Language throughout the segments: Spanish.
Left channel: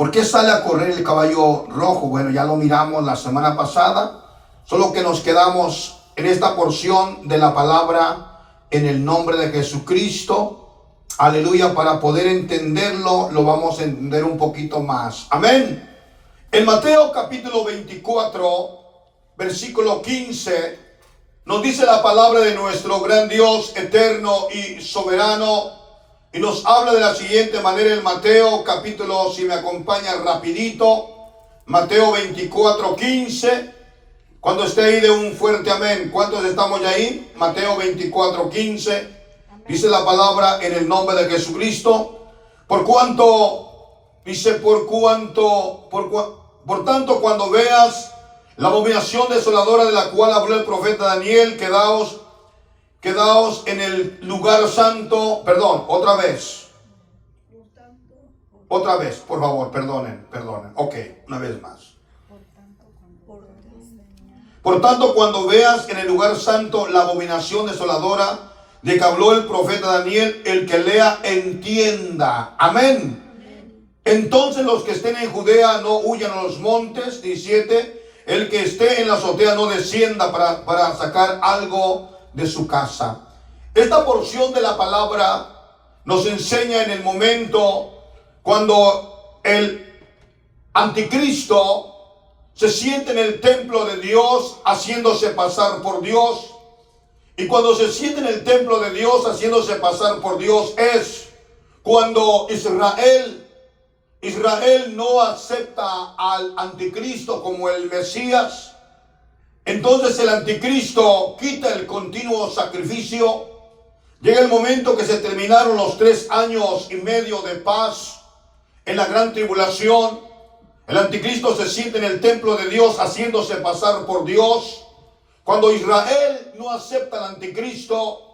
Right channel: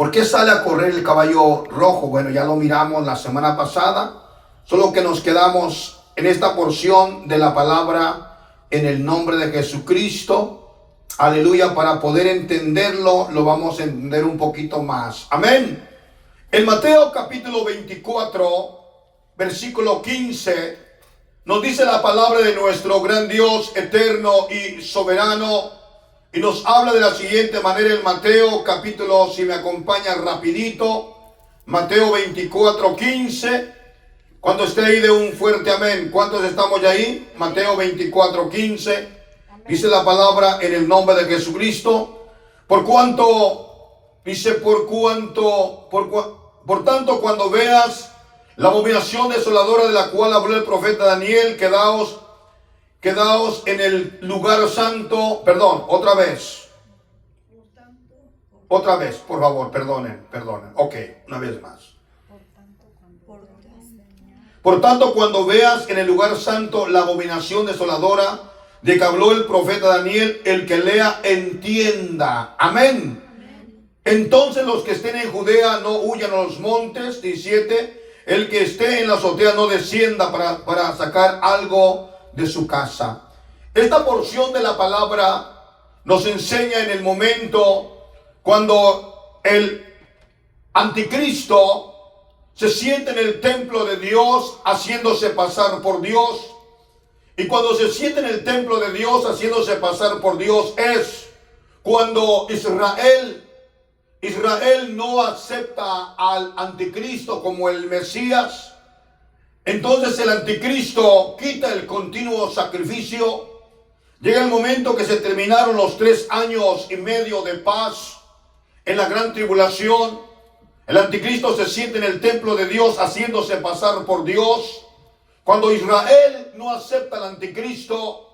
¿Por qué sale a correr el caballo rojo? Bueno, ya lo miramos la semana pasada, solo que nos quedamos en esta porción de la palabra en el nombre de Jesucristo. Aleluya, para poder entenderlo, lo vamos a entender un poquito más. Amén. En Mateo capítulo 24, versículo 15, nos dice la palabra de nuestro gran Dios eterno y soberano. Y nos habla de la siguiente manera en Mateo capítulo, si me acompaña rapidito, Mateo 24, 15. Cuando esté ahí de un fuerte amén. ¿Cuántos estamos ya ahí? Mateo 24, 15. Dice la palabra en el nombre de Jesucristo. Por tanto, cuando veas la abominación desoladora de la cual habló el profeta Daniel, quedaos en el lugar santo. Perdón, otra vez, por favor, perdonen. Ok, una vez más. Por tanto, cuando veas en el lugar santo la abominación desoladora de que habló el profeta Daniel, el que lea entienda. Amén. Entonces los que estén en Judea no huyan a los montes. 17. El que esté en la azotea no descienda para sacar algo de su casa. Esta porción de la palabra nos enseña en el momento cuando el anticristo se siente en el templo de Dios haciéndose pasar por Dios. Y cuando se siente en el templo de Dios haciéndose pasar por Dios es cuando Israel no acepta al anticristo como el Mesías. Entonces el anticristo quita el continuo sacrificio. Llega el momento que se terminaron los 3 años y medio de paz en la gran tribulación. El anticristo se siente en el templo de Dios haciéndose pasar por Dios. Cuando Israel no acepta al anticristo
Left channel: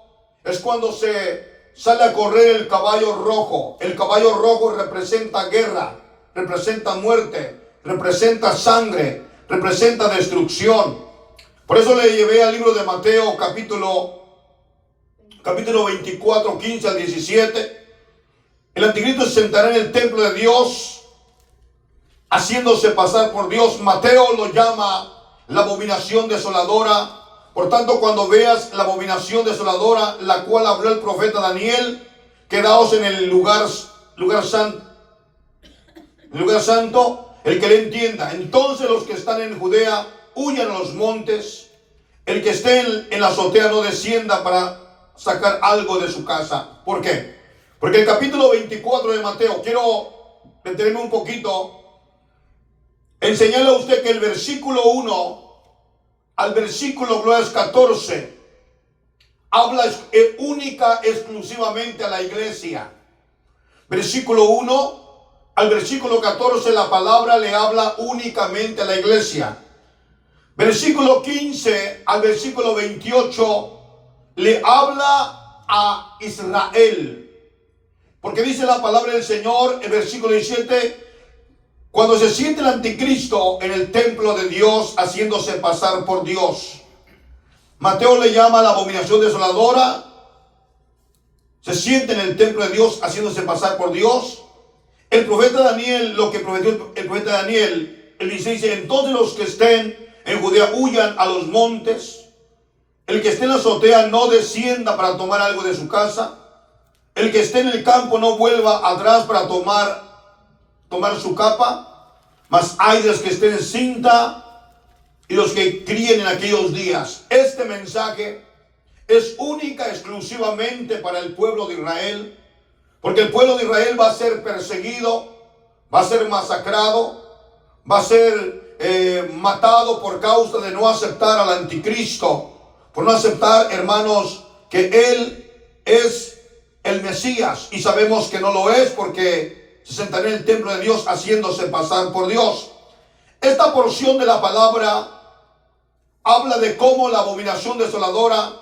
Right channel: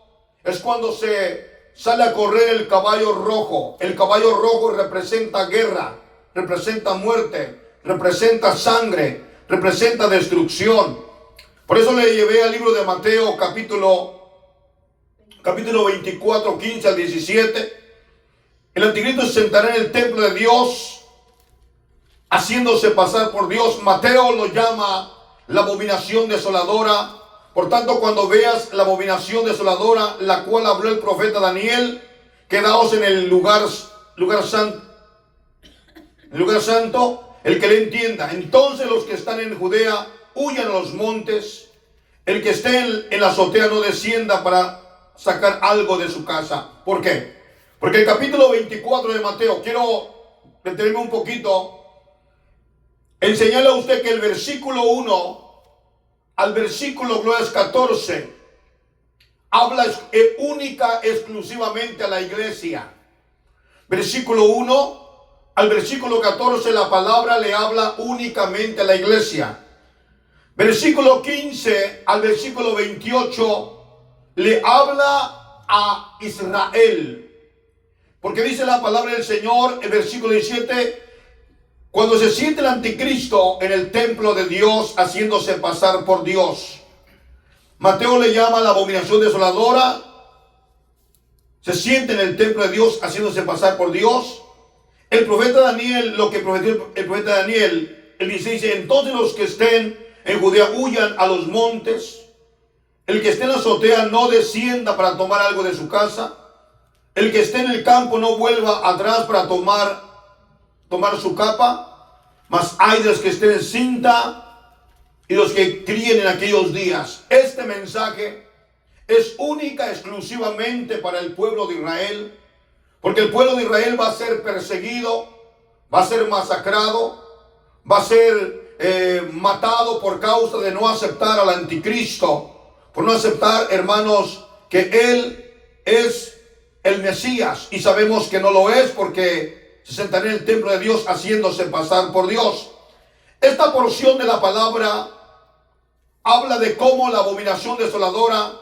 es cuando se sale a correr el caballo rojo. El caballo rojo representa guerra, representa muerte, representa sangre, representa destrucción. Por eso le llevé al libro de Mateo capítulo 24, 15 al 17. El anticristo se sentará en el templo de Dios haciéndose pasar por Dios. Mateo lo llama la abominación desoladora. Por tanto, cuando veas la abominación desoladora, la cual habló el profeta Daniel, quedaos en el lugar santo, el que le entienda. Entonces los que están en Judea huyan a los montes. El que esté en la azotea no descienda para sacar algo de su casa. ¿Por qué? Porque el capítulo 24 de Mateo, quiero detenerme un poquito, enseñarle a usted que el versículo 1 al versículo 14 habla exclusivamente a la iglesia. Versículo 1 al versículo 14 la palabra le habla únicamente a la iglesia. Versículo 15 al versículo 28 le habla a Israel. Porque dice la palabra del Señor en versículo 17: cuando se siente el anticristo en el templo de Dios haciéndose pasar por Dios. Mateo le llama la abominación desoladora. Se siente en el templo de Dios haciéndose pasar por Dios. El profeta Daniel, lo que prometió el profeta Daniel, el 16 dice: entonces los que estén en Judea huyan a los montes. El que esté en la azotea no descienda para tomar algo de su casa. El que esté en el campo no vuelva atrás para tomar su capa. Mas hay de los que estén en cinta y los que críen en aquellos días. Este mensaje es única, exclusivamente para el pueblo de Israel. Porque el pueblo de Israel va a ser perseguido, va a ser masacrado, va a ser matado por causa de no aceptar al anticristo. Por no aceptar, hermanos, que él es el Mesías. Y sabemos que no lo es porque se sentará en el templo de Dios haciéndose pasar por Dios. Esta porción de la palabra habla de cómo la abominación desoladora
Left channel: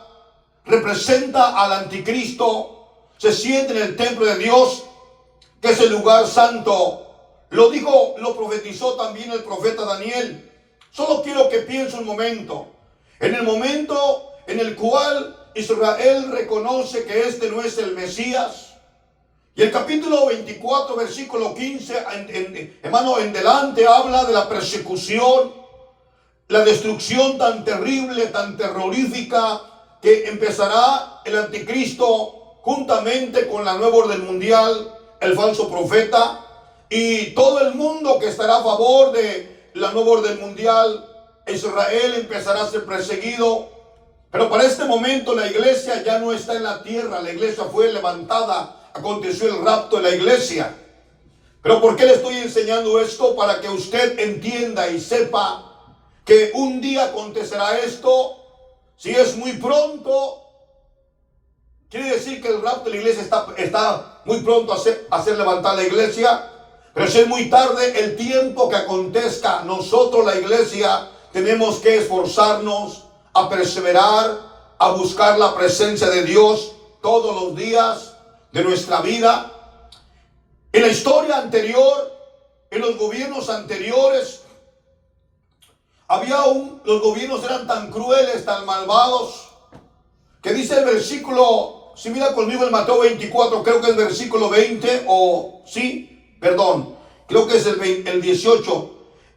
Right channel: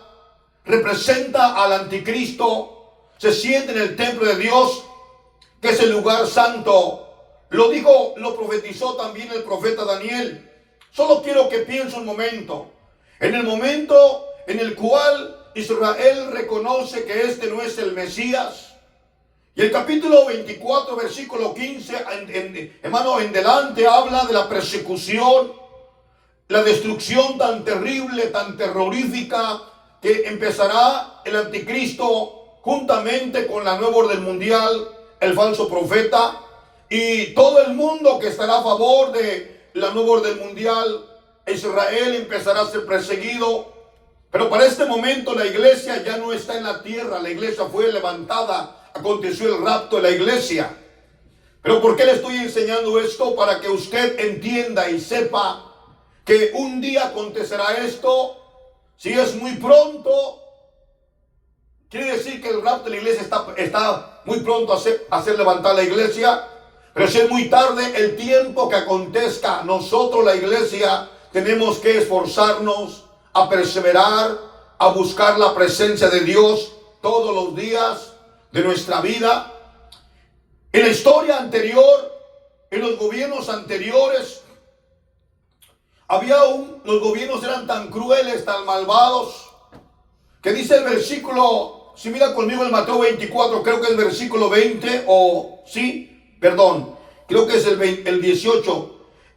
representa al anticristo. Se siente en el templo de Dios, que es el lugar santo. Lo profetizó también el profeta Daniel. Solo quiero que piense un momento. En el momento en el cual Israel reconoce que este no es el Mesías, Y el capítulo 24, versículo 15, hermano, en delante habla de la persecución, la destrucción tan terrible, tan terrorífica, que empezará el anticristo juntamente con la nueva orden mundial, el falso profeta, y todo el mundo que estará a favor de la nueva orden mundial. Israel empezará a ser perseguido. Pero para este momento la iglesia ya no está en la tierra, la iglesia fue levantada. Aconteció el rapto de la iglesia. Pero ¿por qué le estoy enseñando esto? Para que usted entienda y sepa que un día acontecerá esto. Si es muy pronto, quiere decir que el rapto de la iglesia está muy pronto a hacer levantar la iglesia. Pero si es muy tarde, el tiempo que acontezca, nosotros la iglesia tenemos que esforzarnos a perseverar, a buscar la presencia de Dios todos los días de nuestra vida. En la historia anterior, en los gobiernos anteriores, los gobiernos eran tan crueles, tan malvados, que dice el versículo, si mira conmigo en Mateo 24, creo que es el versículo 20, creo que es el 18.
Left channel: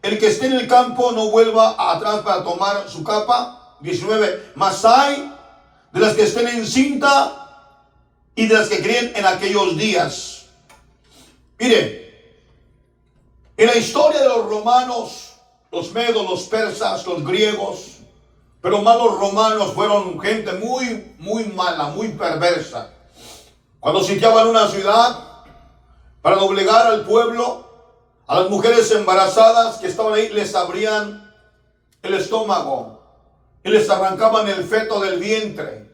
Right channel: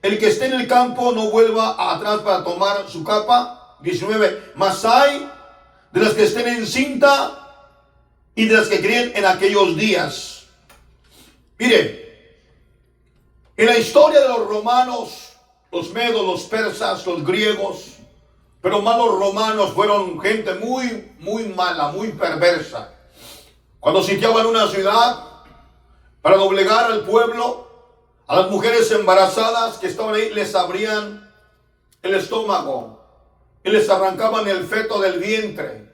El que esté en el campo no vuelva atrás para tomar su capa. 19. Mas hay de las que estén encinta y de las que creen en aquellos días. Mire, en la historia de los romanos, los medos, los persas, los griegos, pero más los romanos, fueron gente muy, muy mala, muy perversa. Cuando sitiaban una ciudad, para doblegar al pueblo, a las mujeres embarazadas que estaban ahí, les abrían el estómago y les arrancaban el feto del vientre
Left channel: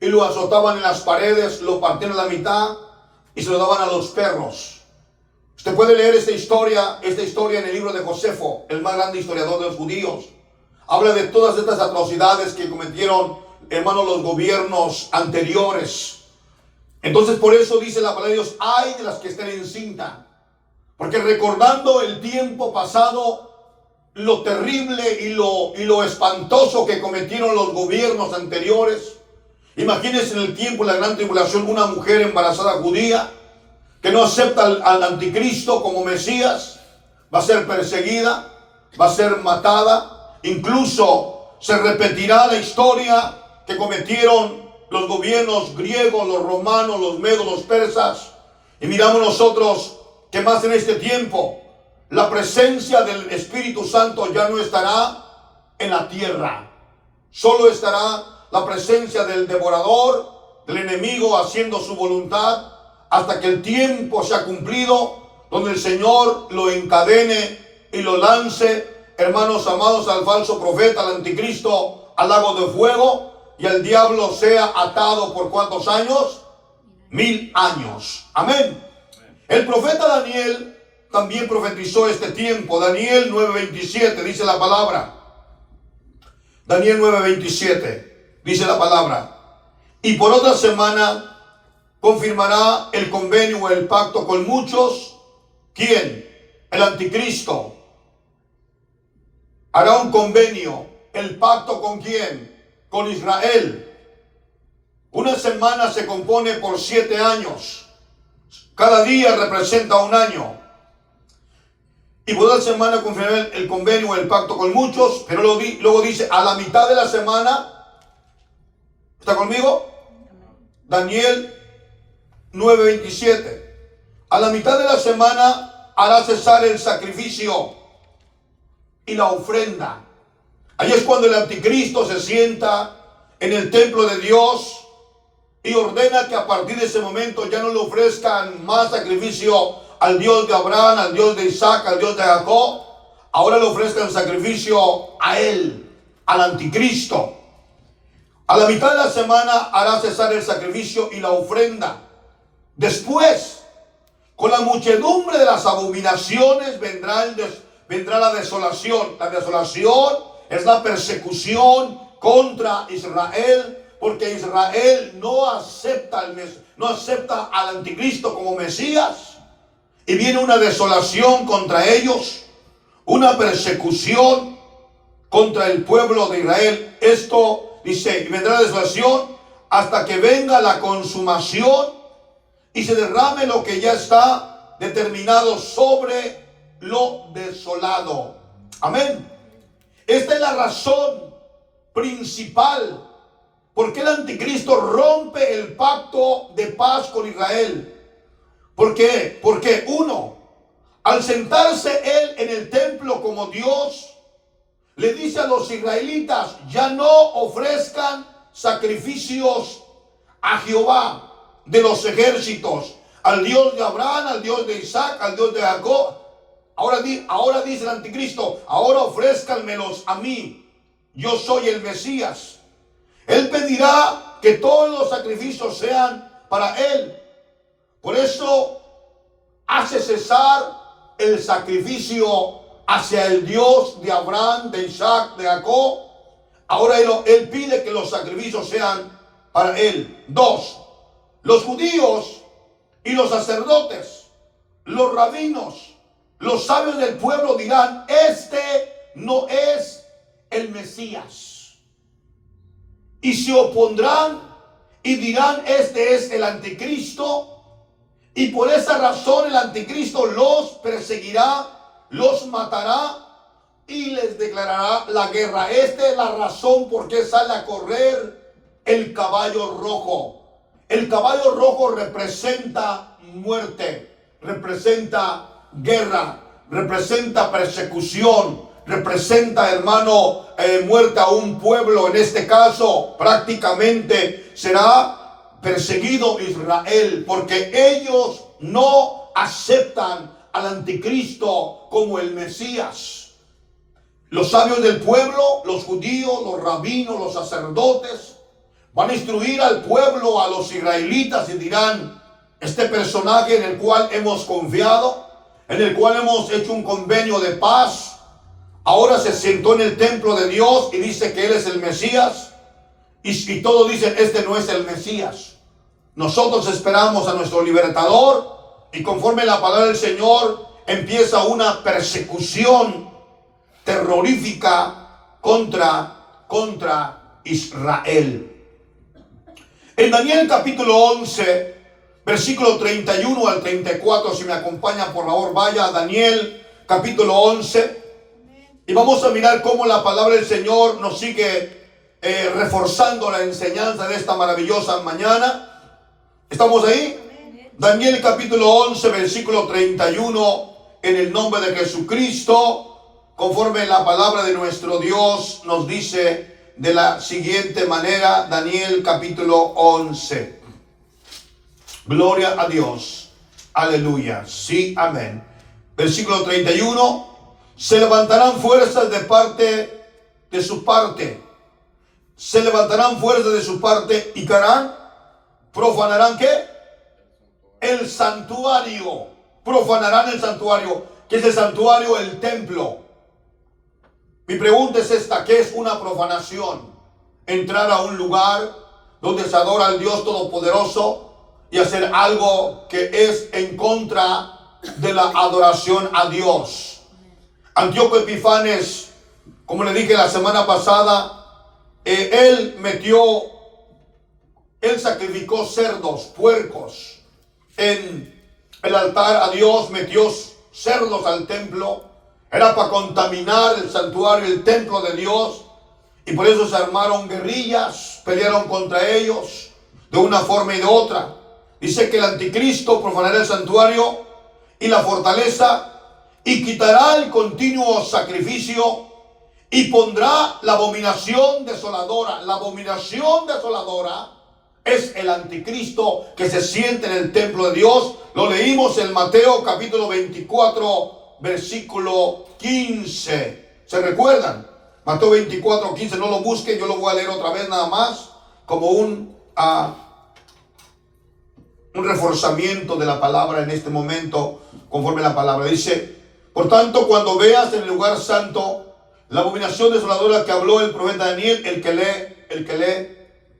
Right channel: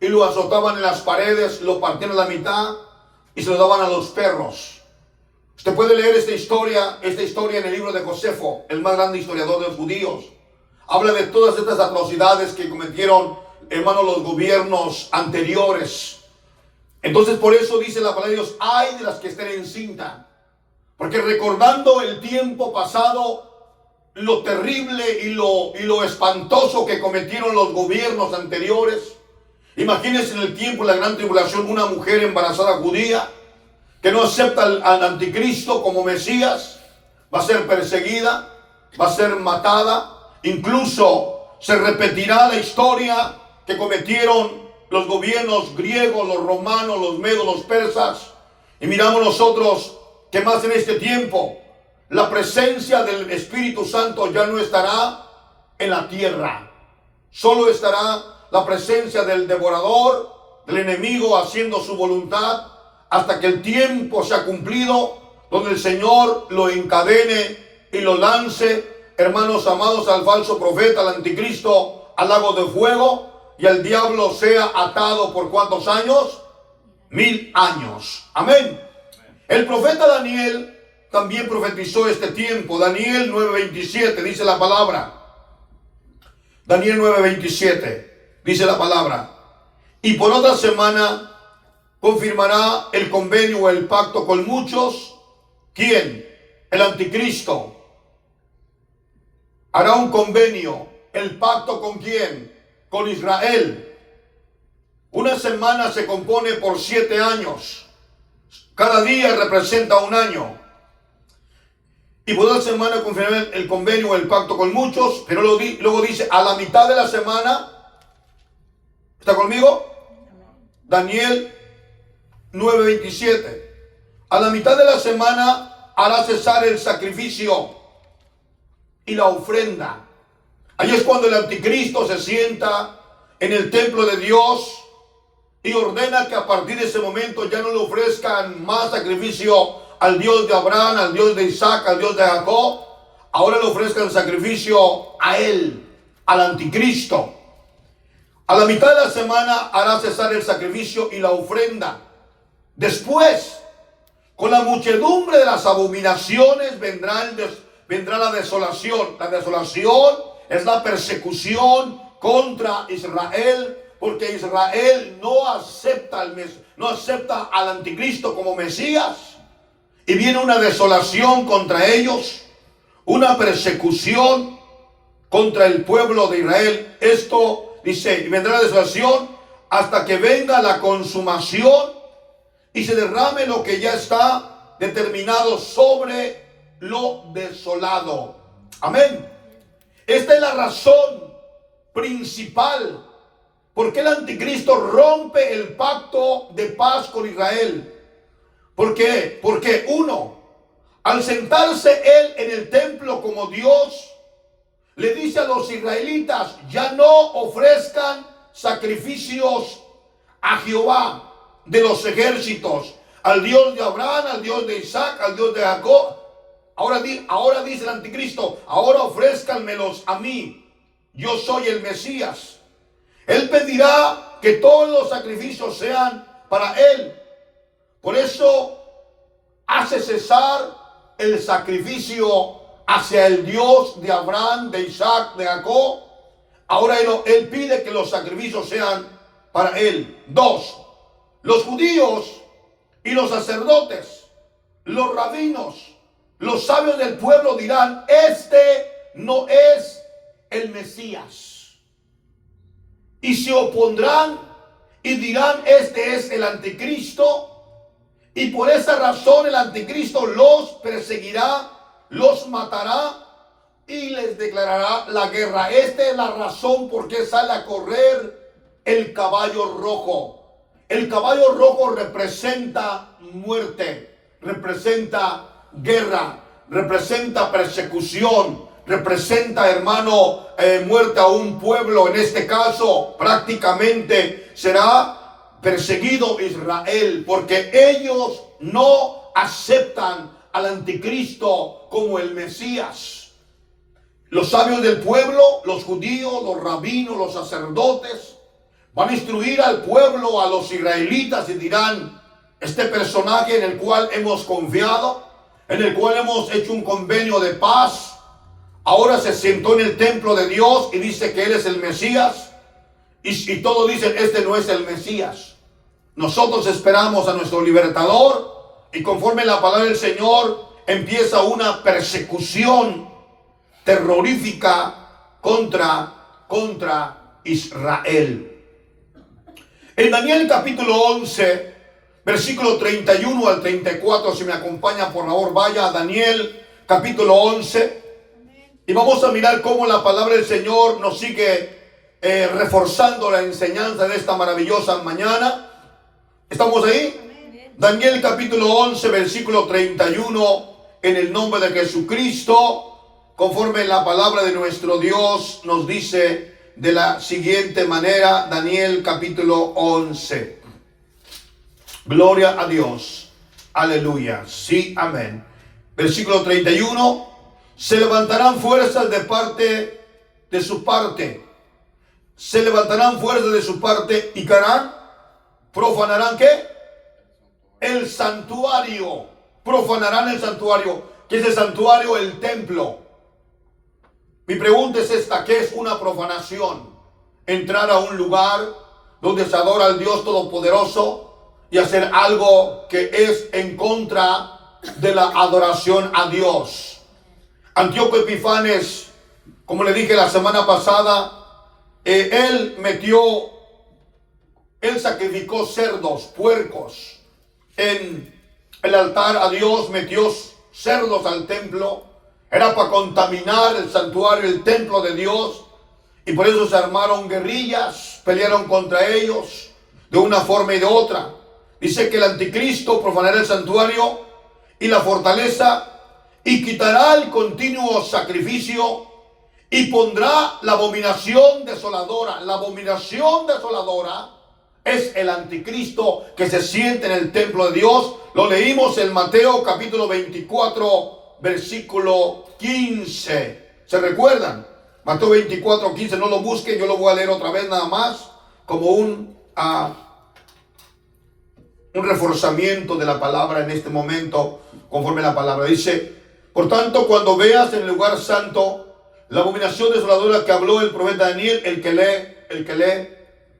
y lo azotaban en las paredes, lo partían a la mitad y se lo daban a los perros. Usted puede leer esta historia en el libro de Josefo, el más grande historiador de los judíos. Habla de todas estas atrocidades que cometieron, hermanos, los gobiernos anteriores. Entonces, por eso dice la palabra de Dios, ay de las que estén encinta. Porque recordando el tiempo pasado, lo terrible y lo espantoso que cometieron los gobiernos anteriores. Imagínense en el tiempo de la gran tribulación, una mujer embarazada judía que no acepta al anticristo como Mesías, va a ser perseguida, va a ser matada. Incluso se repetirá la historia que cometieron los gobiernos griegos, los romanos, los medos, los persas. Y miramos nosotros que más en este tiempo la presencia del Espíritu Santo ya no estará en la tierra. Solo estará la presencia del devorador, del enemigo haciendo su voluntad, hasta que el tiempo sea cumplido, donde el Señor lo encadene y lo lance, hermanos amados, al falso profeta, al anticristo, al lago de fuego, y el diablo sea atado por ¿cuántos años? 1000 años. Amén. El profeta Daniel también profetizó este tiempo. Daniel 9:27 dice la palabra. Daniel 9:27 dice la palabra. Y por otra semana confirmará el convenio o el pacto con muchos. ¿Quién? El anticristo. Hará un convenio. ¿El pacto con quién? Con Israel. Una semana se compone por 7 años. Cada día representa un año. Y por una semana confirmará el convenio o el pacto con muchos. Pero luego dice, a la mitad de la semana, ¿está conmigo? Daniel 9:27. A la mitad de la semana hará cesar el sacrificio y la ofrenda. Ahí es cuando el anticristo se sienta en el templo de Dios y ordena que a partir de ese momento ya no le ofrezcan más sacrificio al Dios de Abraham, al Dios de Isaac, al Dios de Jacob. Ahora le ofrezcan sacrificio a él, al anticristo. A la mitad de la semana hará cesar el sacrificio y la ofrenda. Después, con la muchedumbre de las abominaciones vendrá la desolación. La desolación es la persecución contra Israel, porque Israel no acepta al anticristo como Mesías. Y viene una desolación contra ellos, una persecución contra el pueblo de Israel. Esto dice, y vendrá la desolación hasta que venga la consumación y se derrame lo que ya está determinado sobre lo desolado. Amén. Esta es la razón principal por qué el anticristo rompe el pacto de paz con Israel. ¿Por qué? Porque uno, al sentarse él en el templo como Dios, le dice a los israelitas: ya no ofrezcan sacrificios a Jehová de los ejércitos, al Dios de Abraham, al Dios de Isaac, al Dios de Jacob. Ahora dice el anticristo: ahora ofrézcanmelos a mí, yo soy el Mesías. Él pedirá que todos los sacrificios sean para él. Por eso hace cesar el sacrificio hacia el Dios de Abraham, de Isaac, de Jacob. Ahora él pide que los sacrificios sean para él. 2. Los judíos y los sacerdotes, los rabinos, los sabios del pueblo dirán: este no es el Mesías. Y se opondrán y dirán: este es el anticristo. Y por esa razón el anticristo los perseguirá, los matará y les declarará la guerra. Esta es la razón por qué sale a correr el caballo rojo. El caballo rojo representa muerte, representa guerra, representa persecución, representa, hermano, muerte a un pueblo. En este caso, prácticamente será perseguido Israel, porque ellos no aceptan al anticristo como el Mesías. Los sabios del pueblo, los judíos, los rabinos, los sacerdotes, van a instruir al pueblo, a los israelitas, y dirán: este personaje en el cual hemos confiado, en el cual hemos hecho un convenio de paz, ahora se sentó en el templo de Dios y dice que él es el Mesías. Y todos dicen: este no es el Mesías. Nosotros esperamos a nuestro libertador, y conforme la palabra del Señor empieza una persecución terrorífica contra Israel. En Daniel capítulo 11, versículo 31 al 34, si me acompañan, por favor, vaya a Daniel capítulo 11. Y vamos a mirar cómo la palabra del Señor nos sigue reforzando la enseñanza de esta maravillosa mañana. ¿Estamos ahí? Daniel capítulo 11, versículo 31, en el nombre de Jesucristo, conforme la palabra de nuestro Dios nos dice de la siguiente manera. Daniel capítulo 11. Gloria a Dios. Aleluya. Sí, amén. Versículo 31. Se levantarán fuerzas de su parte. Se levantarán fuerzas de su parte y harán. ¿Profanarán qué? El santuario. Profanarán el santuario. ¿Qué es el santuario? El templo. Mi pregunta es esta: ¿qué es una profanación? Entrar a un lugar donde se adora al Dios Todopoderoso y hacer algo que es en contra de la adoración a Dios. Antíoco Epifanes, como le dije la semana pasada, él sacrificó cerdos, puercos en el altar a Dios, metió cerdos al templo. Era para contaminar el santuario, el templo de Dios, y por eso se armaron guerrillas, pelearon contra ellos de una forma y de otra. Dice que el anticristo profanará el santuario y la fortaleza, y quitará el continuo sacrificio, y pondrá la abominación desoladora. La abominación desoladora es el anticristo que se siente en el templo de Dios. Lo leímos en Mateo capítulo 24, versículo 15. ¿Se recuerdan? Mateo 24, 15. No lo busquen, yo lo voy a leer otra vez nada más, como un reforzamiento de la palabra en este momento, conforme la palabra dice: por tanto, cuando veas en el lugar santo la abominación desoladora que habló el profeta Daniel, el que lee,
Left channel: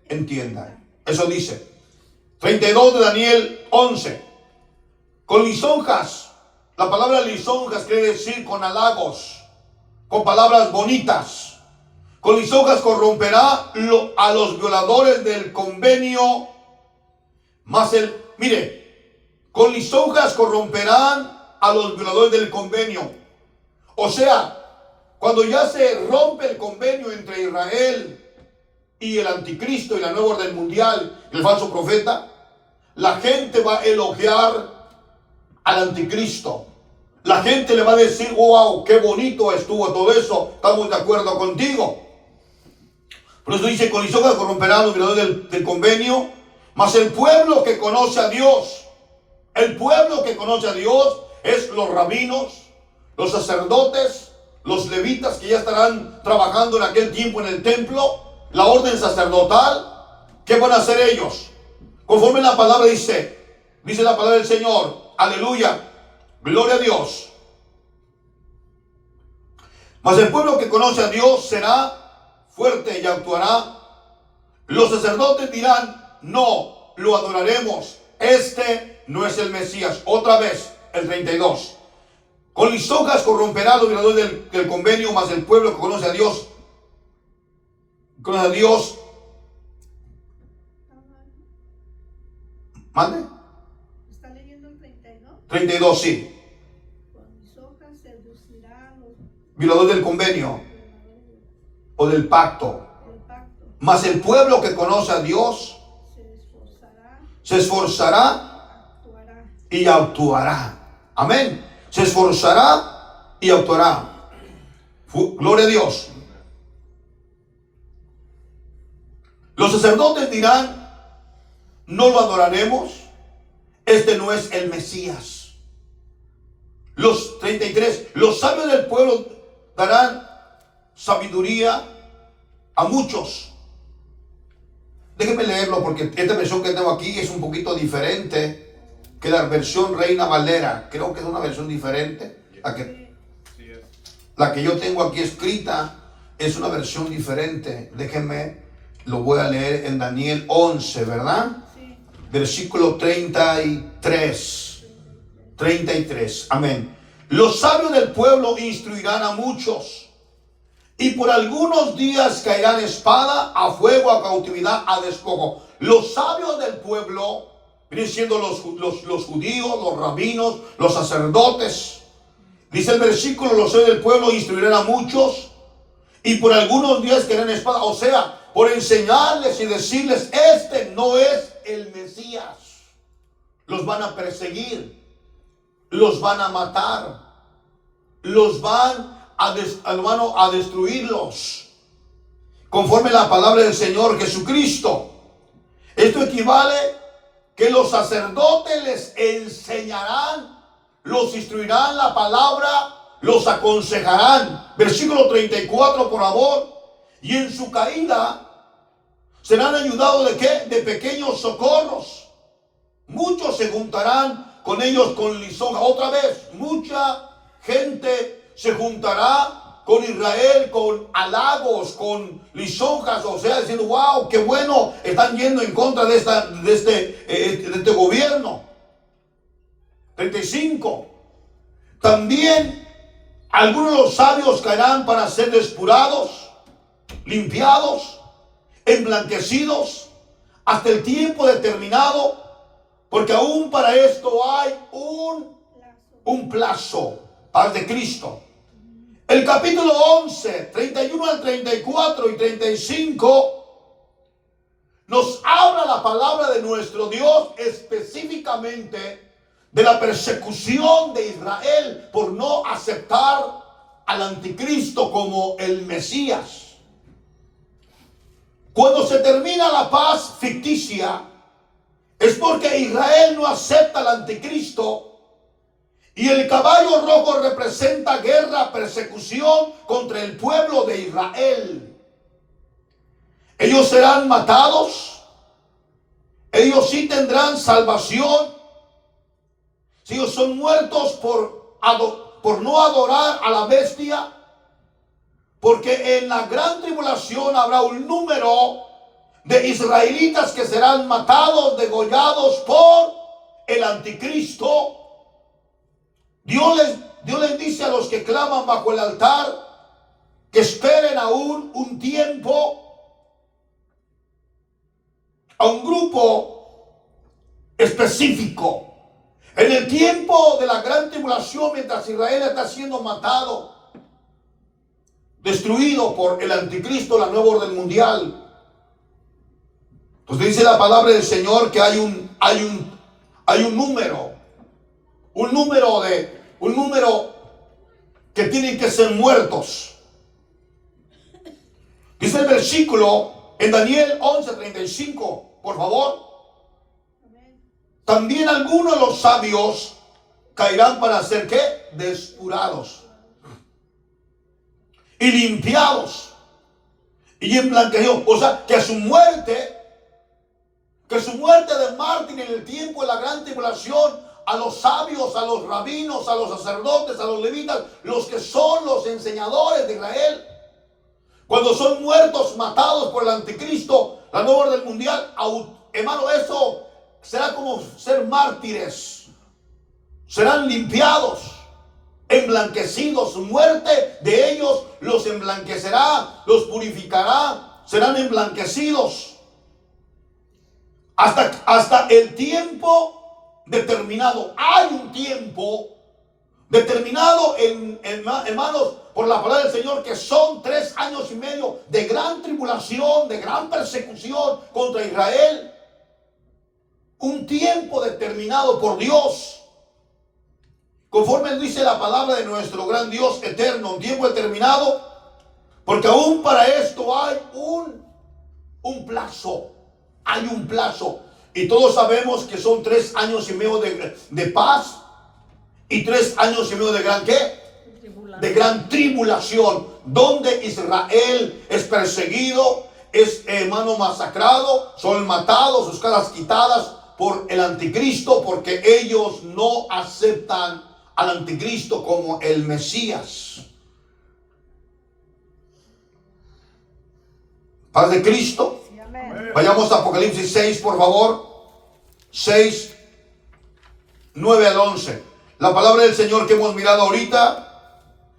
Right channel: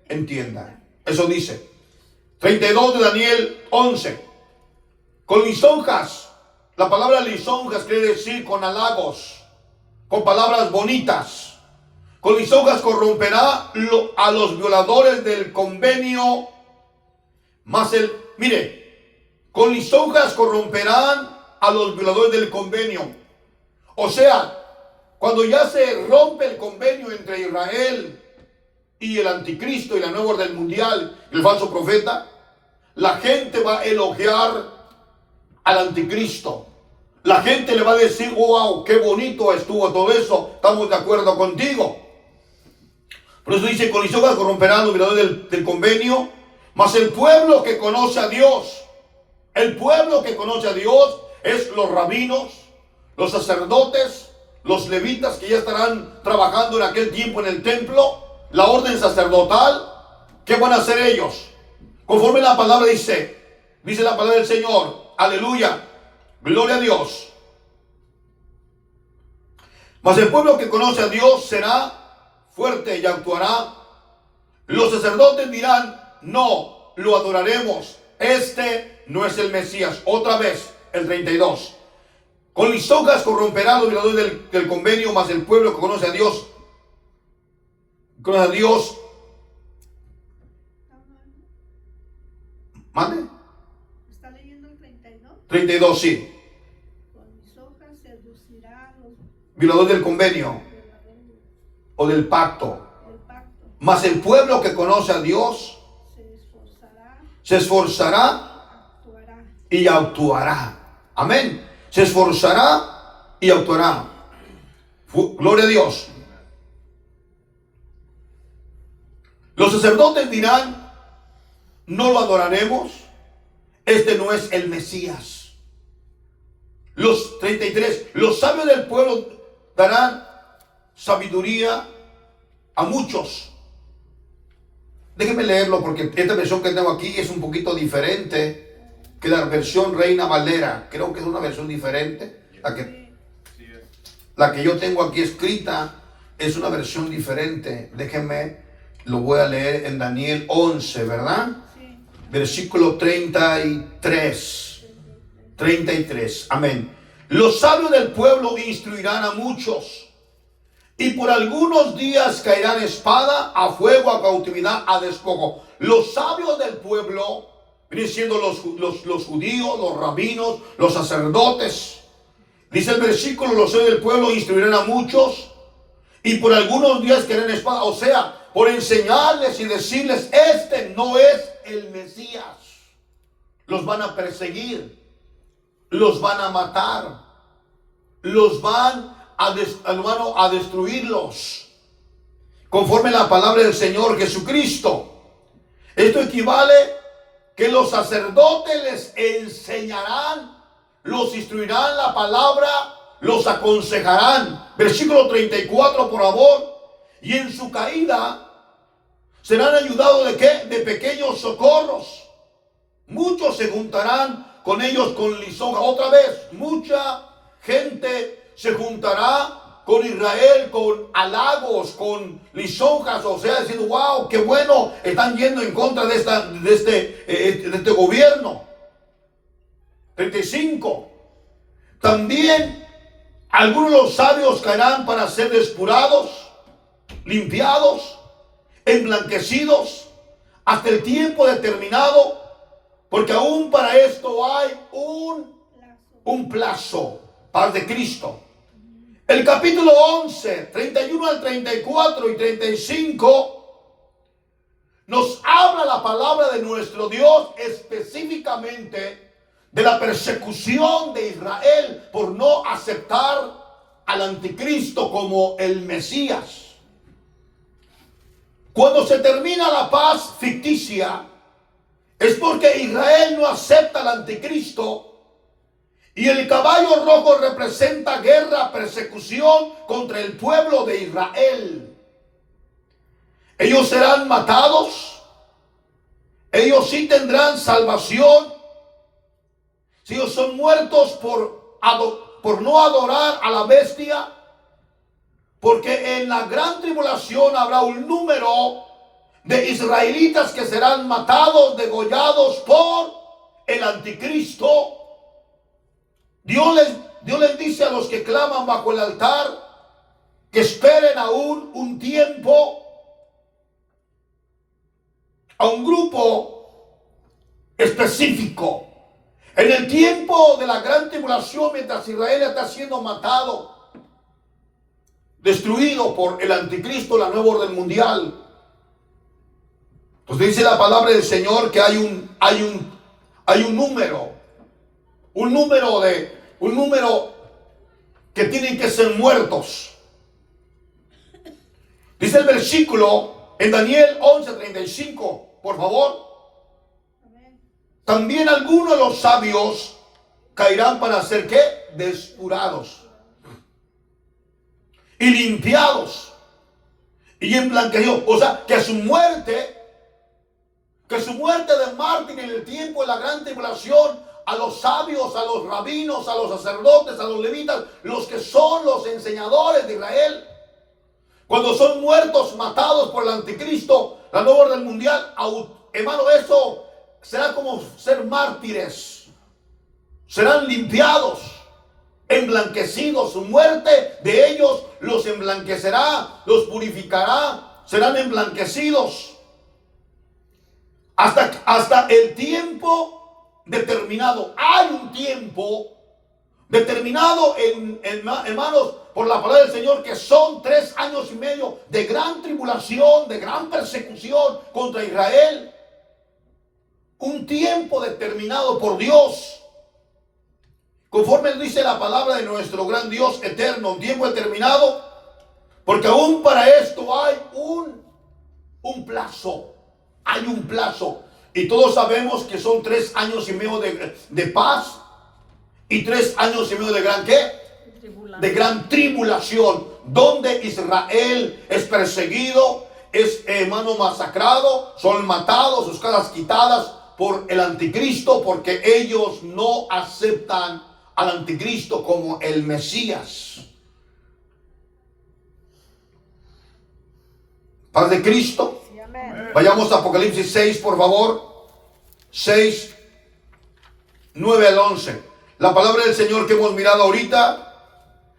entienda. Eso dice. 32 de Daniel 11. Con lisonjas. La palabra lisonjas quiere decir con halagos, con palabras bonitas. Con lisonjas corromperá a los violadores del convenio. Mire, Con lisonjas corromperán a los violadores del convenio. O sea, cuando ya se rompe el convenio entre Israel y el anticristo y la nueva orden mundial, el falso profeta, la gente va a elogiar al anticristo. La gente le va a decir, wow, qué bonito estuvo todo eso, estamos de acuerdo contigo. Por eso dice, con lisonjas corromperán los violadores del convenio, mas el pueblo que conoce a Dios, el pueblo que conoce a Dios es los rabinos, los sacerdotes, los levitas que ya estarán trabajando en aquel tiempo en el templo, la orden sacerdotal. ¿Qué van a hacer ellos? Conforme la palabra dice la palabra del Señor, aleluya, gloria a Dios. Mas el pueblo que conoce a Dios será fuerte y actuará. Los sacerdotes dirán, no, lo adoraremos. Este no es el Mesías. Otra vez, el 32. Con lisonjas corromperá los violadores del convenio, mas el pueblo que conoce a Dios, ¿mande? ¿Está leyendo el 32? 32, sí. Con lisonjas seducirá a los Violadores del convenio o del pacto. Mas el pueblo que conoce a Dios se esforzará y actuará. Amén. Se esforzará y actuará. Gloria a Dios. Los sacerdotes dirán, no lo adoraremos. Este no es el Mesías. Los 33. Los sabios del pueblo darán sabiduría a muchos. Déjenme leerlo porque esta versión que tengo aquí es un poquito diferente que la versión Reina Valera. Creo que es una versión diferente. La que yo tengo aquí escrita es una versión diferente. Déjenme, lo voy a leer en Daniel 11, ¿verdad? Sí. Versículo 33. 33. Amén. Los sabios del pueblo instruirán a muchos, y por algunos días caerán espada, a fuego, a cautividad, a despojo. Los sabios del pueblo vienen siendo los judíos, los rabinos, los sacerdotes. Dice el versículo, los sabios del pueblo instruirán a muchos, y por algunos días caerán espada. O sea, por enseñarles y decirles, este no es el Mesías. Los van a perseguir, los van a matar, los van a destruirlos, conforme a la palabra del Señor Jesucristo. Esto equivale que los sacerdotes les enseñarán, los instruirán la palabra, los aconsejarán. Versículo 34, por favor. Y en su caída serán ayudados ¿de qué? De pequeños socorros. Muchos se juntarán con ellos con lisonja. Otra vez, mucha gente se juntará con Israel, con halagos, con lisonjas, o sea, diciendo, wow, qué bueno, están yendo en contra de este gobierno. 35. También algunos de los sabios caerán para ser depurados, limpiados, emblanquecidos, hasta el tiempo determinado, porque aún para esto hay un plazo. Paz de Cristo. El capítulo 11, 31 al 34 y 35 nos habla la palabra de nuestro Dios específicamente de la persecución de Israel por no aceptar al anticristo como el Mesías. Cuando se termina la paz ficticia es porque Israel no acepta al anticristo. Y el caballo rojo representa guerra, persecución contra el pueblo de Israel. Ellos serán matados. Ellos sí tendrán salvación. Si ellos son muertos por no adorar a la bestia. Porque en la gran tribulación habrá un número de israelitas que serán matados, degollados por el anticristo. Dios les dice a los que claman bajo el altar que esperen aún un tiempo, a un grupo específico. En el tiempo de la gran tribulación, mientras Israel está siendo matado, destruido por el anticristo, la nueva orden mundial, pues dice la palabra del Señor que hay un número que tienen que ser muertos. Dice el versículo en Daniel 11:35, por favor. Amén. También algunos de los sabios caerán para ser ¿qué? Depurados y limpiados y emblanquecidos. O sea, que su muerte de mártir en el tiempo de la gran tribulación, a los sabios, a los rabinos, a los sacerdotes, a los levitas, los que son los enseñadores de Israel, cuando son muertos, matados por el anticristo, la nueva orden mundial, hermano, eso será como ser mártires. Serán limpiados, emblanquecidos. Su muerte de ellos los emblanquecerá, los purificará, serán emblanquecidos. Hasta el tiempo determinado. Hay un tiempo determinado, hermanos, por la palabra del Señor, que son 3 años y medio de gran tribulación, de gran persecución contra Israel. Un tiempo determinado por Dios, conforme dice la palabra de nuestro gran Dios eterno. Un tiempo determinado, porque aún para esto hay un plazo. Hay un plazo. Y todos sabemos que son 3 años y medio de paz y 3 años y medio de gran ¿qué? De gran tribulación, donde Israel es perseguido, es, hermano, masacrado, son matados, sus caras quitadas por el anticristo, porque ellos no aceptan al anticristo como el Mesías. Paz de Cristo. Vayamos a Apocalipsis 6, por favor. 6, 9 al 11. La palabra del Señor que hemos mirado ahorita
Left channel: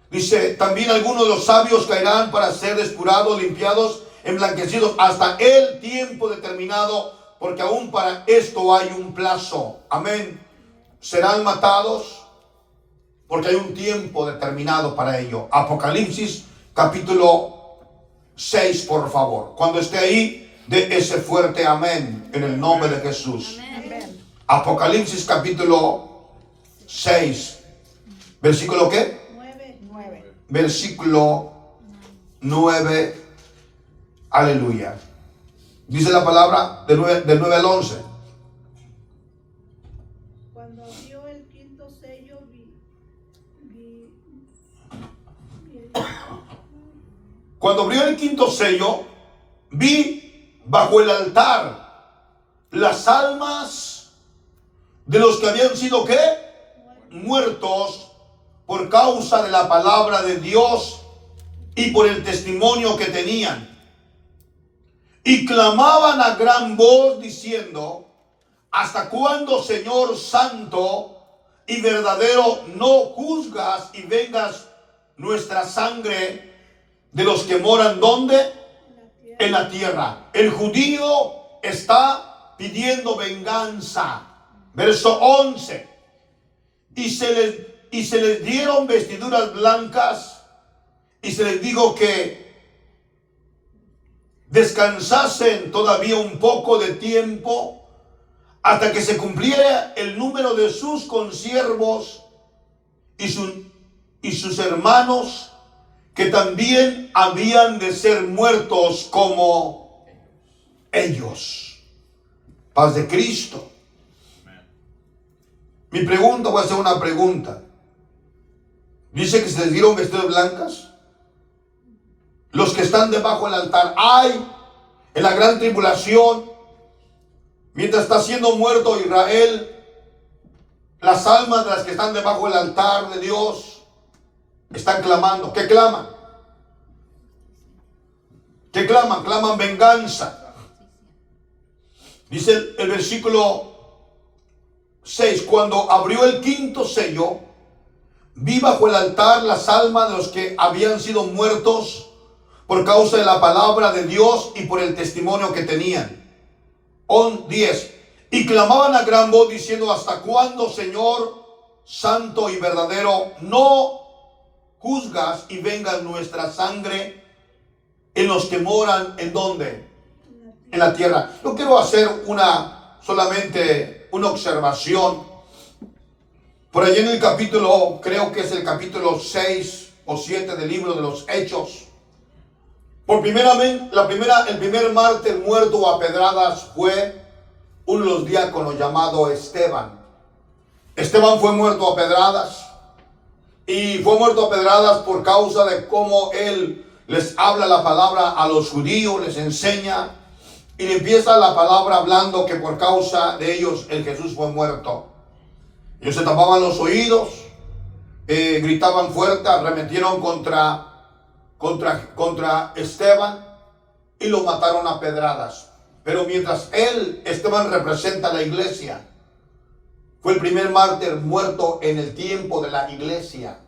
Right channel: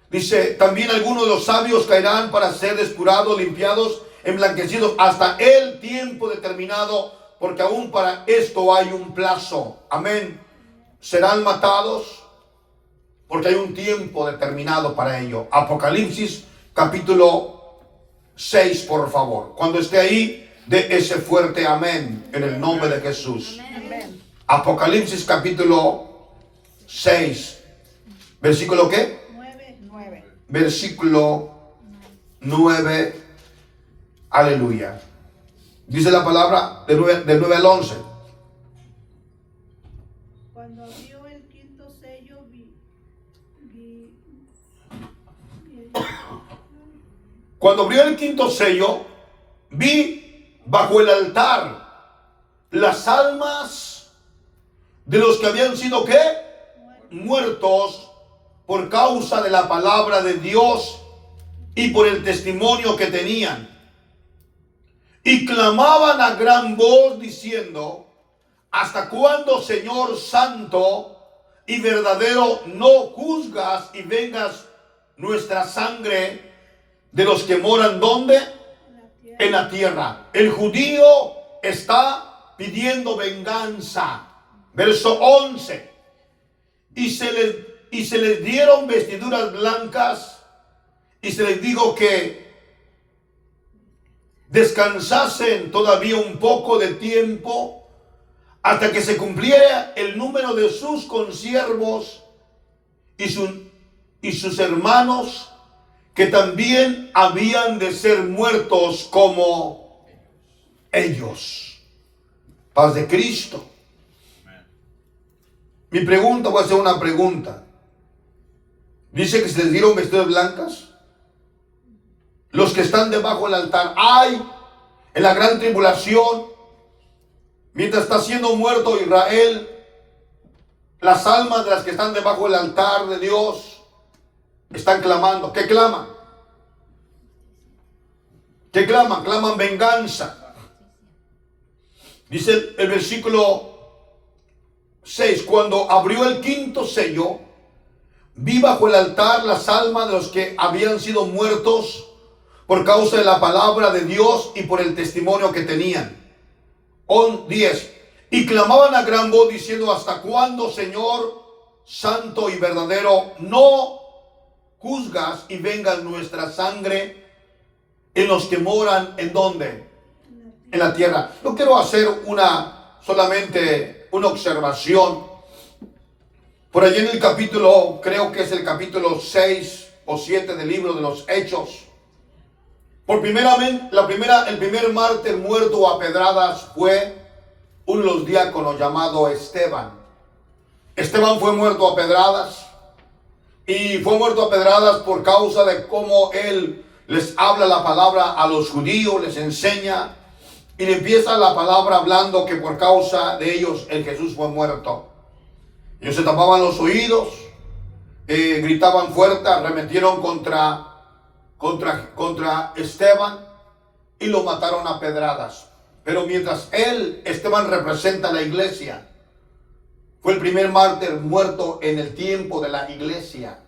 dice: también algunos de los sabios caerán para ser depurados, limpiados, emblanquecidos hasta el tiempo determinado, porque aún para esto hay un plazo. Amén. Serán matados porque hay un tiempo determinado para ello. Apocalipsis capítulo 6, por favor. Cuando esté ahí, de ese fuerte amén en el nombre de Jesús. Amén. Apocalipsis capítulo 6, versículo ¿qué? 9. Versículo 9, aleluya. Dice la palabra del 9 al 11. Cuando abrió el quinto sello, Cuando abrió el quinto sello, vi bajo el altar las almas de los que habían sido ¿qué? Muertos por causa de la palabra de Dios y por el testimonio que tenían. Y clamaban a gran voz diciendo: ¿hasta cuándo, Señor santo y verdadero, no juzgas y vengas nuestra sangre de los que moran ¿dónde? En la tierra. El judío está pidiendo venganza. Verso 11. Y se les dieron vestiduras blancas y se les dijo que descansasen todavía un poco de tiempo hasta que se cumpliera el número de sus consiervos y sus hermanos, que también habían de ser muertos como ellos. Paz de Cristo. Mi pregunta, voy a hacer una pregunta. Dice que se les dieron vestiduras blancas. Los que están debajo del altar, hay en la gran tribulación, mientras está siendo muerto Israel, las almas de las que están debajo del altar de Dios están clamando. ¿Qué claman? ¿Qué claman? Claman venganza. Dice el versículo 6: cuando abrió el quinto sello, vi bajo el altar las almas de los que habían sido muertos por causa de la palabra de Dios y por el testimonio que tenían. 10. Y clamaban a gran voz diciendo: ¿hasta cuándo, Señor santo y verdadero, no juzgas y vengas nuestra sangre en los que moran? ¿En dónde? En la tierra. Yo quiero hacer solamente una observación. Por allí en el capítulo, creo que es el capítulo 6 o 7 del libro de los Hechos. El primer mártir muerto a pedradas fue uno de los diáconos llamado Esteban. Esteban fue muerto a pedradas, y fue muerto a pedradas por causa de cómo él les habla la palabra a los judíos, les enseña, y le empieza la palabra hablando que por causa de ellos el Jesús fue muerto. Ellos se tapaban los oídos, gritaban fuerte, arremetieron contra Esteban y lo mataron a pedradas. Pero mientras Esteban representa a la iglesia, fue el primer mártir muerto en el tiempo de la iglesia.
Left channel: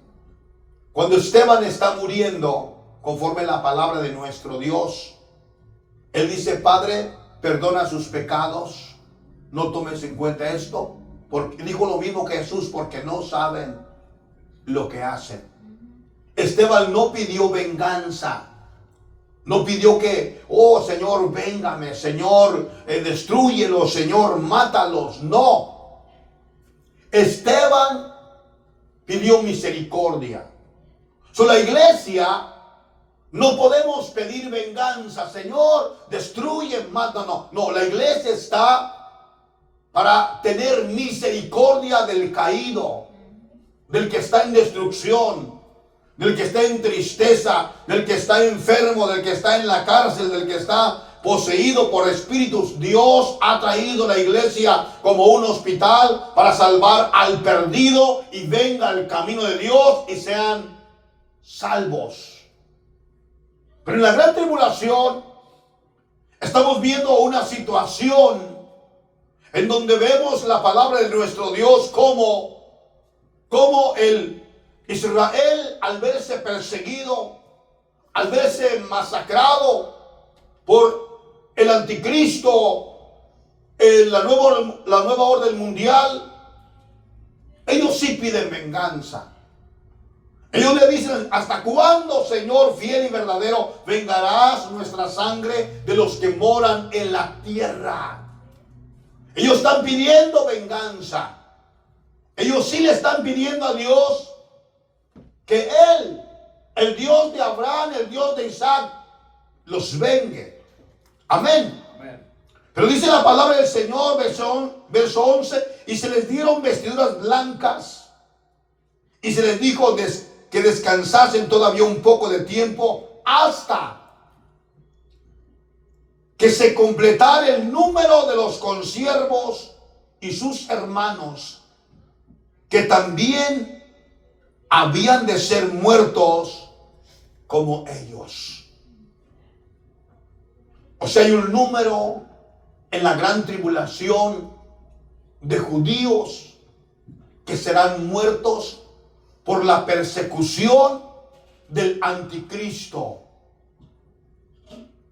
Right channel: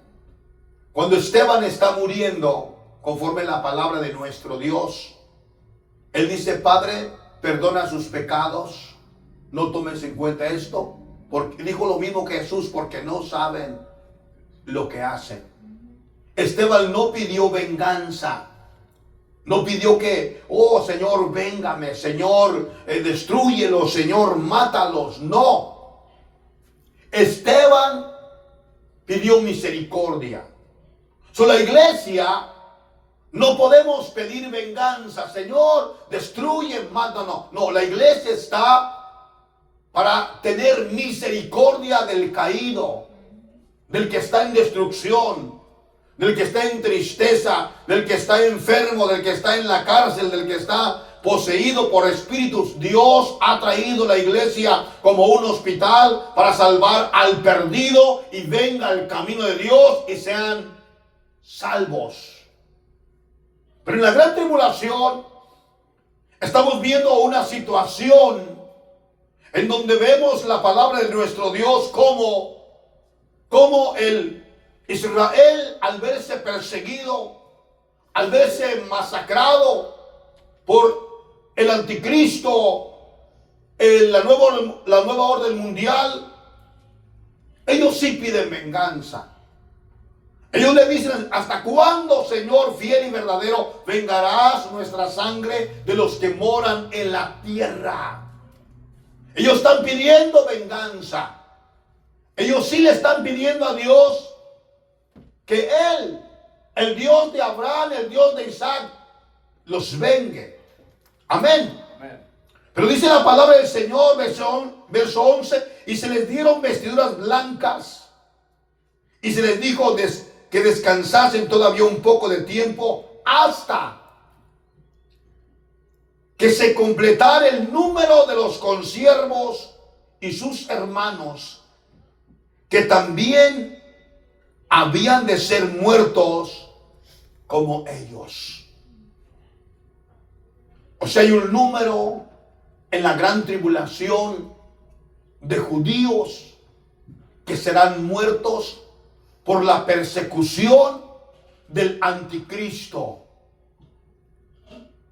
Cuando Esteban está muriendo, conforme la palabra de nuestro Dios, él dice: Padre, perdona sus pecados, no tomes en cuenta esto. Porque dijo lo mismo que Jesús: porque no saben lo que hacen. Esteban no pidió venganza. No pidió que, oh Señor, véngame, Señor, destrúyelos, Señor, mátalos. No. Esteban pidió misericordia. La iglesia no podemos pedir venganza, Señor, destruye, mata. No, la iglesia está para tener misericordia del caído, del que está en destrucción, del que está en tristeza, del que está enfermo, del que está en la cárcel, del que está poseído por espíritus. Dios ha traído la iglesia como un hospital para salvar al perdido y venga al camino de Dios y sean salvos. Pero en la gran tribulación estamos viendo una situación en donde vemos la palabra de nuestro Dios como el Israel, al verse perseguido, al verse masacrado por el anticristo, la nueva orden mundial, ellos sí piden venganza. Ellos le dicen: ¿hasta cuándo, Señor fiel y verdadero, vengarás nuestra sangre de los que moran en la tierra? Ellos están pidiendo venganza. Ellos sí le están pidiendo a Dios que Él, el Dios de Abraham, el Dios de Isaac, los vengue. Amén. Amén. Pero dice la palabra del Señor, verso 11: y se les dieron vestiduras blancas, y se les dijo que descansasen todavía un poco de tiempo, hasta que se completara el número de los consiervos y sus hermanos, que también habían de ser muertos como ellos. O sea, hay un número en la gran tribulación de judíos que serán muertos por la persecución del anticristo.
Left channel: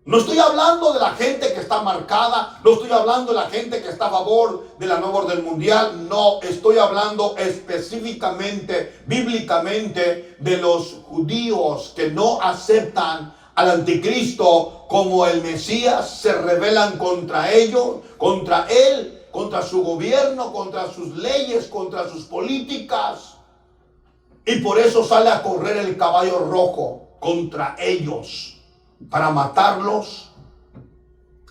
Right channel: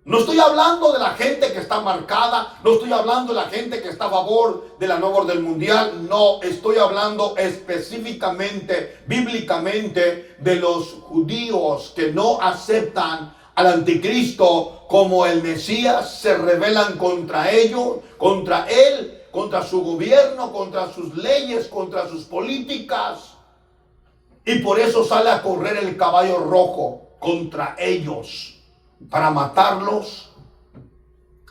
No estoy hablando de la gente que está marcada, no estoy hablando de la gente que está a favor de la nueva orden mundial, no, estoy hablando específicamente, bíblicamente, de los judíos que no aceptan al anticristo como el Mesías, se rebelan contra ellos, contra él, contra su gobierno, contra sus leyes, contra sus políticas, y por eso sale a correr el caballo rojo contra ellos, para matarlos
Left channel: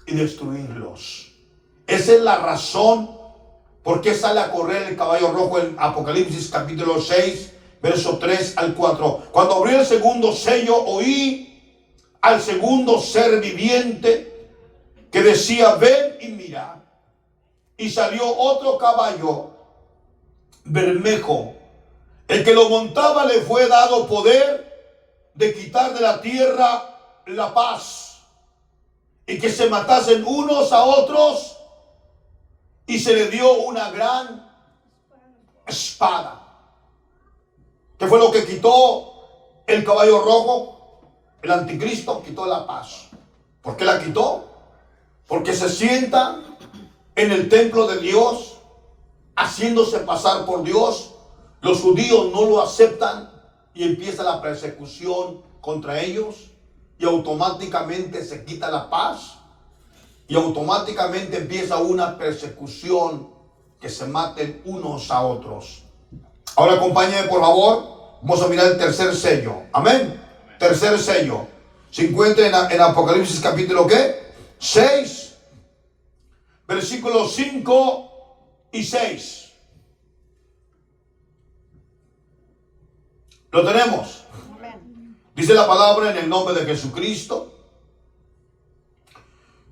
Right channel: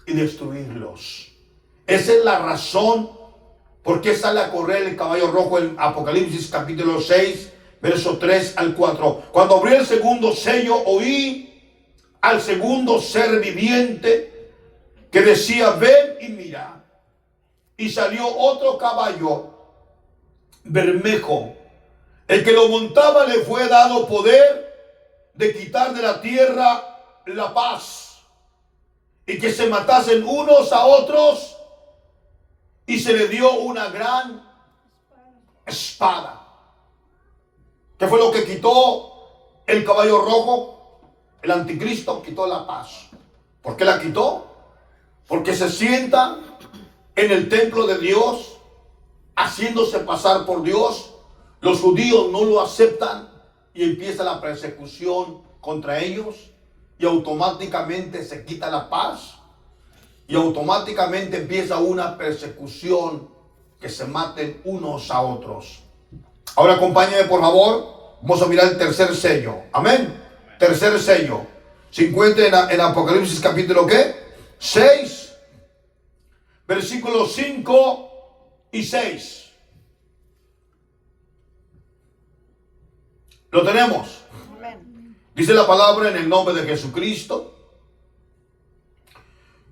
y destruirlos. Esa es la razón por qué sale a correr el caballo rojo en Apocalipsis capítulo 6, verso 3 al 4. Cuando abrió el segundo sello, oí al segundo ser viviente que decía: ven y mira. Y salió otro caballo bermejo. El que lo montaba le fue dado poder de quitar de la tierra la paz, y que se matasen unos a otros, y se le dio una gran espada. ¿Qué fue lo que quitó el caballo rojo? El anticristo quitó la paz. ¿Por qué la quitó? Porque se sienta en el templo de Dios, haciéndose pasar por Dios. Los judíos no lo aceptan y empieza la persecución contra ellos y automáticamente se quita la paz y automáticamente empieza una persecución que se maten unos a otros. Ahora acompáñame por favor. Vamos a mirar el tercer sello. Amén. Tercer sello. Se encuentra en Apocalipsis capítulo ¿qué? 6. Versículos 5 y 6. Lo tenemos. Dice la palabra en el nombre de Jesucristo.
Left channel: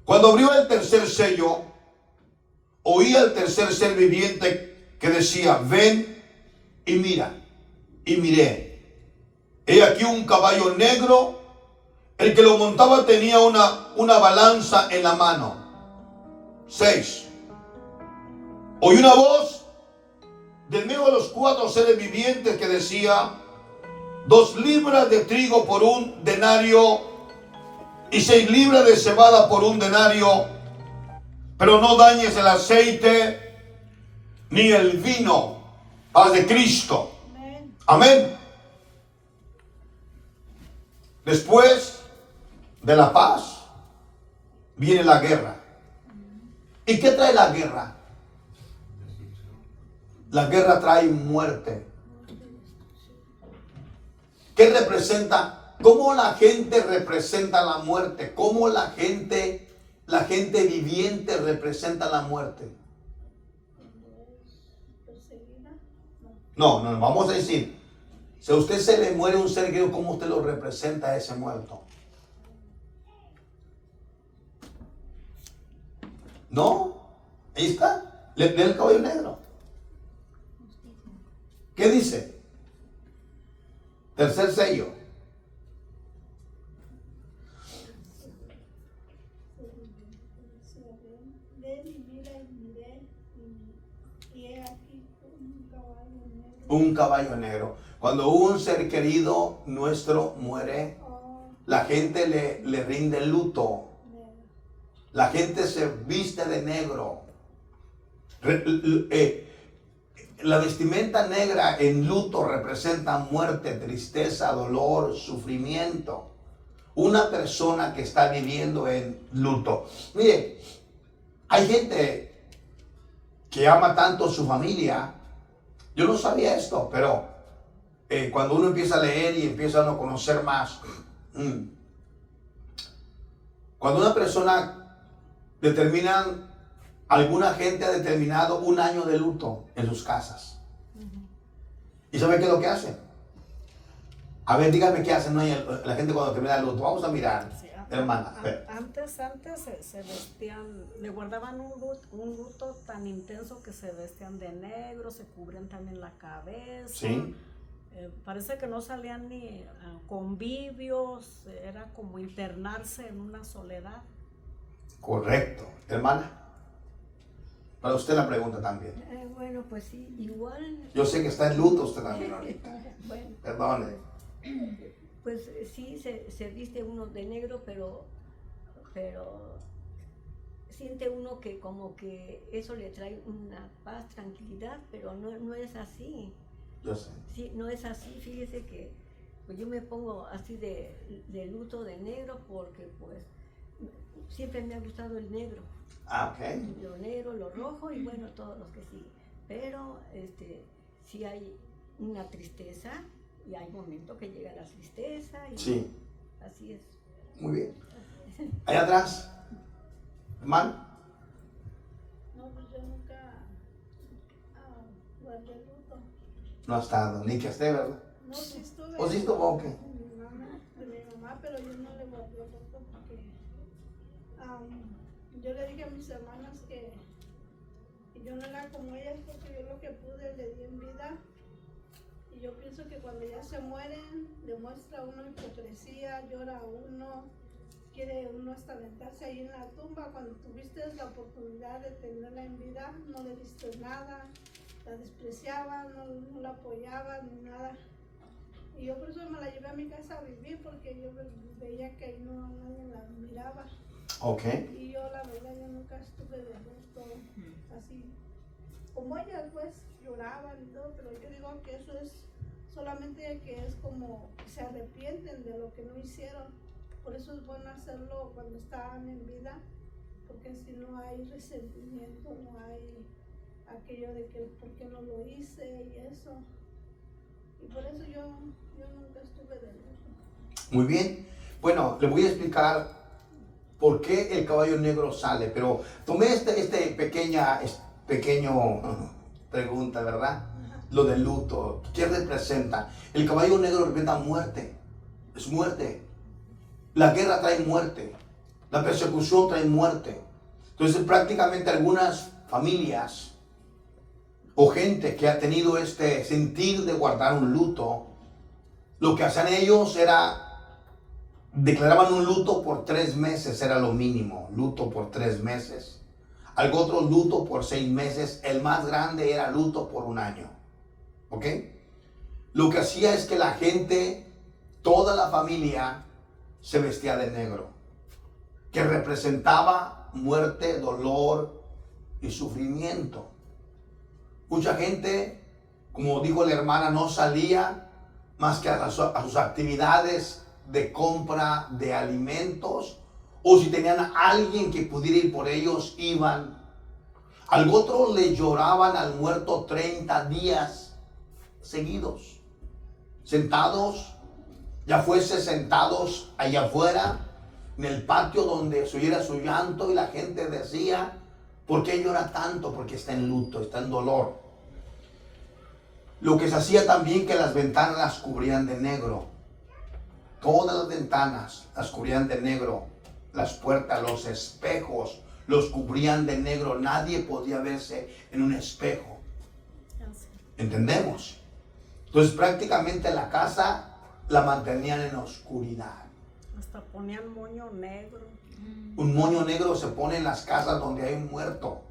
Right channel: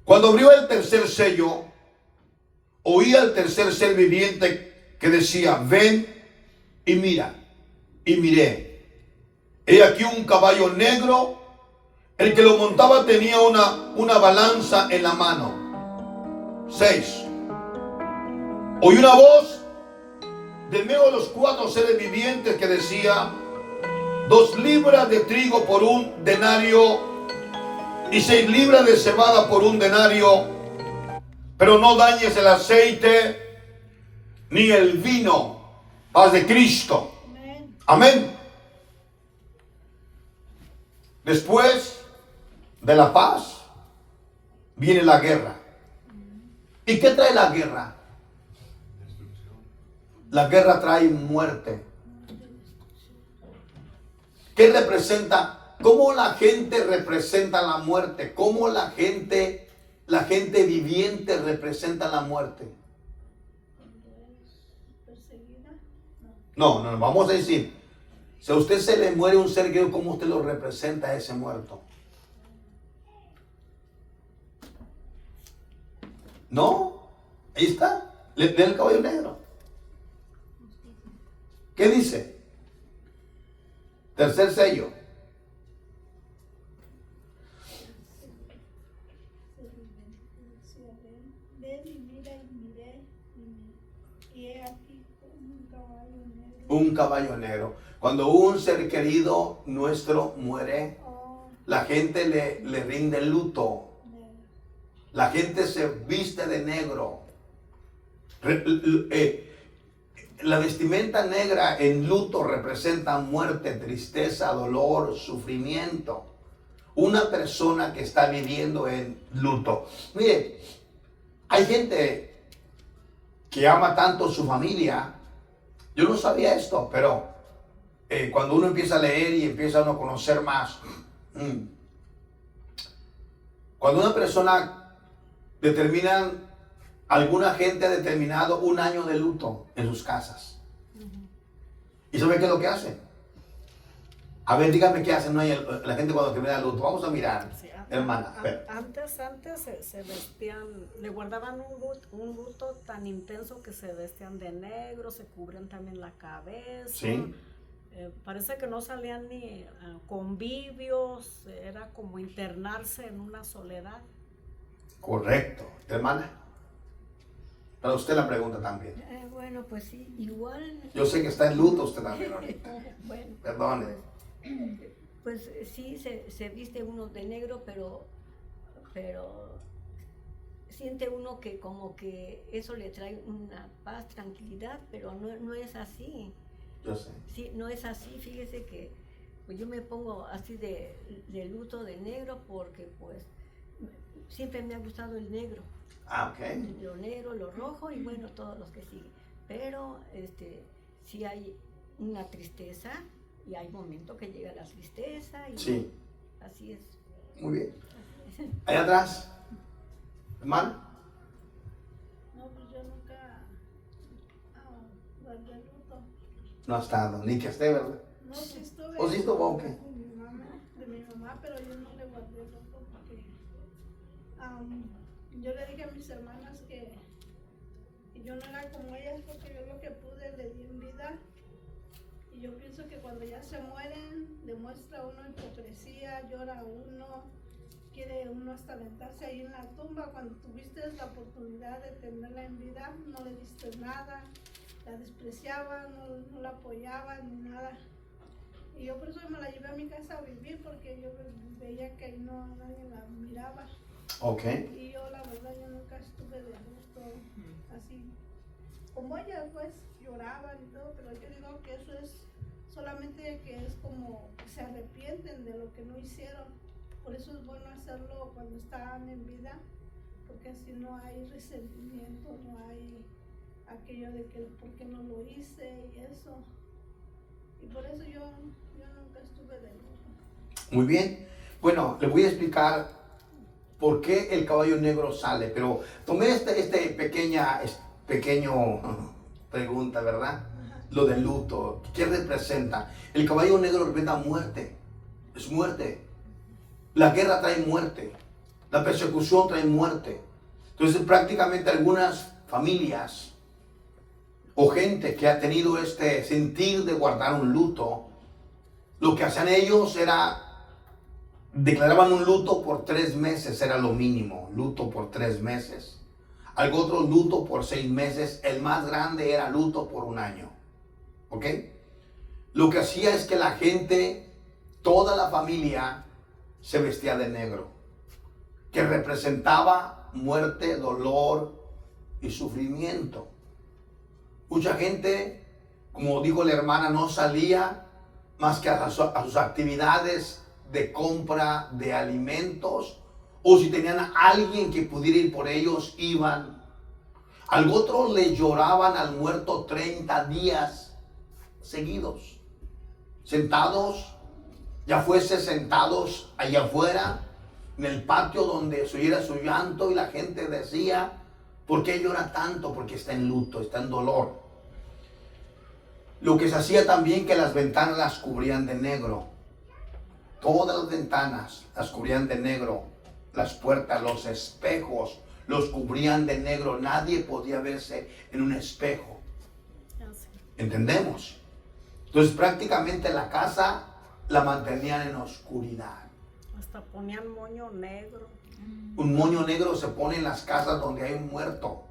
Cuando abrió el tercer sello, oí al tercer ser viviente que decía: ven y mira. Y miré, he aquí un caballo negro, el que lo montaba tenía una balanza en la mano. 6. Oí una voz de medio de los 4 seres vivientes que decía: 2 libras de trigo por 1 denario y 6 libras de cebada por 1 denario, pero no dañes el aceite ni el vino. Paz de Cristo. Amén. Después de la paz viene la guerra. ¿Y qué trae la guerra? La guerra trae muerte. ¿Qué representa? ¿Cómo la gente representa la muerte? ¿Cómo la gente viviente representa la muerte? No, vamos a decir, si a usted se le muere un ser querido, ¿cómo usted lo representa a ese muerto? No, ahí está, lee el caballo negro. ¿Qué dice? Tercer sello. Ven y mira y miré y he aquí un caballo negro. Un caballo negro. Cuando un ser querido nuestro muere, la gente le rinde luto. La gente se viste de negro. La vestimenta negra en luto representa muerte, tristeza, dolor, sufrimiento. Una persona que está viviendo en luto. Mire, hay gente que ama tanto a su familia. Yo no sabía esto, pero cuando uno empieza a leer y empieza a conocer más, cuando una persona determina, alguna gente ha determinado 1 año de luto en sus casas. ¿Y sabe qué es lo que hace? A ver, dígame qué hace la gente cuando termina el luto. Vamos a mirar, sí, hermana. Antes se vestían, le guardaban un luto tan intenso que se vestían de negro, se cubrían también la cabeza. Sí. Parece que no salían ni convivios, era como internarse en una soledad. Correcto. Hermana, para usted la pregunta también. Bueno, pues sí, igual. Yo sé que está en luto usted también ahorita. Bueno, Perdone. pues sí, se viste uno de negro, pero siente uno que como que eso le trae una paz, tranquilidad, pero no es así. Yo sé. Sí, no es así. Fíjese que pues yo me pongo así de luto de negro porque pues siempre me ha gustado el negro. Ah, ok. Lo negro, lo rojo y bueno, todos los que siguen. Pero sí hay una tristeza y hay momentos que llega la tristeza y sí. Así es. Muy bien. Allá atrás, hermano. No, pues yo nunca guardé luto. No está ni que esté, ¿verdad? No, sí estuve. ¿O sí estuvo o qué? De mi mamá, pero yo no le guardé luto porque yo le dije a mis hermanas que yo no era como ellas porque yo lo que pude le di en vida. Y yo pienso que cuando ya se mueren, demuestra uno hipocresía, llora uno, quiere uno hasta aventarse ahí en la tumba. Cuando tuviste la oportunidad de tenerla en vida, no le diste nada, la despreciaba, no la apoyaba ni nada. Y yo por eso me la llevé a mi casa a vivir porque yo veía que ahí nadie la miraba. Ok. Y yo la verdad yo nunca estuve de gusto así. Como ellas pues lloraban y todo, pero yo digo que eso es solamente que es como que se arrepienten de lo que no hicieron. Por eso es bueno hacerlo cuando están en vida, porque así no hay resentimiento, no hay aquello de que por qué no lo hice y eso. Y por eso yo nunca estuve de luto. Muy bien. Bueno, le voy a explicar por qué el caballo negro sale, pero tomé pequeño pregunta, ¿verdad? Lo del luto. ¿Qué representa? El caballo negro representa muerte. Es muerte. La guerra trae muerte. La persecución trae muerte. Entonces prácticamente algunas familias o gente que ha tenido este sentir de guardar un luto, lo que hacían ellos era declaraban un luto por 3 meses, era lo mínimo, luto por 3 meses. Algo otro luto por 6 meses, el más grande era luto por 1 año. ¿Ok? Lo que hacía es que la gente, toda la familia, se vestía de negro, que representaba muerte, dolor y sufrimiento. Mucha gente, como dijo la hermana, no salía más que a sus actividades de compra de alimentos, o si tenían a alguien que pudiera ir por ellos, iban. Al otro le lloraban al muerto 30 días seguidos, sentados, ya fuese sentados allá afuera, en el patio donde se oyera su llanto, y la gente decía, ¿por qué llora tanto? Porque está en luto, está en dolor. Lo que se hacía también, que las ventanas las cubrían de negro. Todas las ventanas las cubrían de negro. Las puertas, los espejos, los cubrían de negro. Nadie podía verse en un espejo. ¿Entendemos? Entonces prácticamente la casa la mantenían en oscuridad. Hasta ponían moño negro. Un moño negro se pone en las casas donde hay un muerto.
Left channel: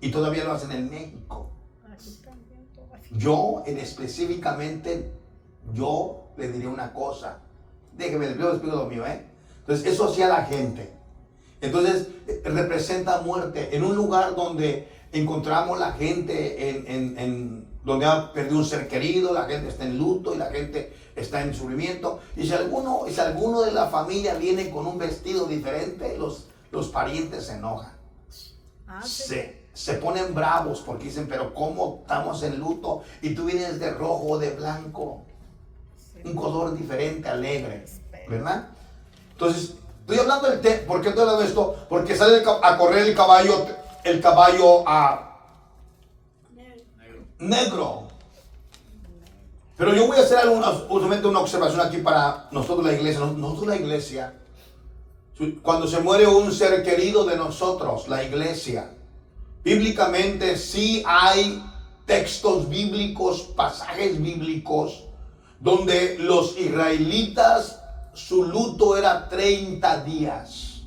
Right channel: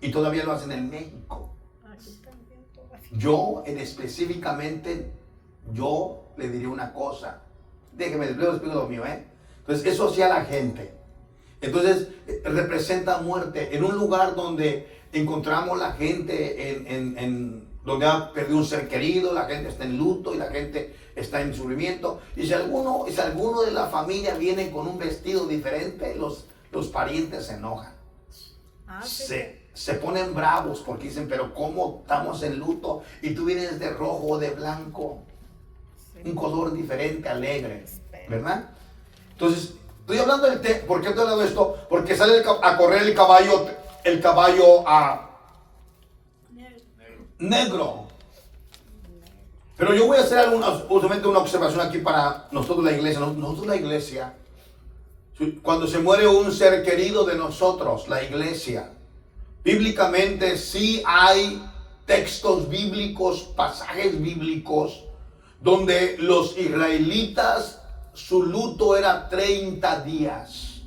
Y todavía lo hacen en México. Aquí también, todo así. Yo específicamente, yo le diría una cosa. Déjeme, les explico lo mío, ¿eh? Entonces, eso hacía la gente. Entonces, representa muerte. En un lugar donde encontramos la gente, donde ha perdido un ser querido, la gente está en luto y la gente está en sufrimiento. Y si alguno de la familia viene con un vestido diferente, los parientes se enojan. Se ponen bravos porque dicen, pero ¿cómo estamos en luto? Y tú vienes de rojo o de blanco. Un color diferente, alegre, ¿verdad? Entonces, estoy hablando ¿por qué estoy hablando de esto? Porque sale a correr el caballo negro. Pero yo voy a hacer justamente una observación aquí para nosotros la iglesia. Nosotros la iglesia, cuando se muere un ser querido de nosotros, la iglesia, bíblicamente sí hay textos bíblicos, pasajes bíblicos, donde los israelitas, su luto era 30 días.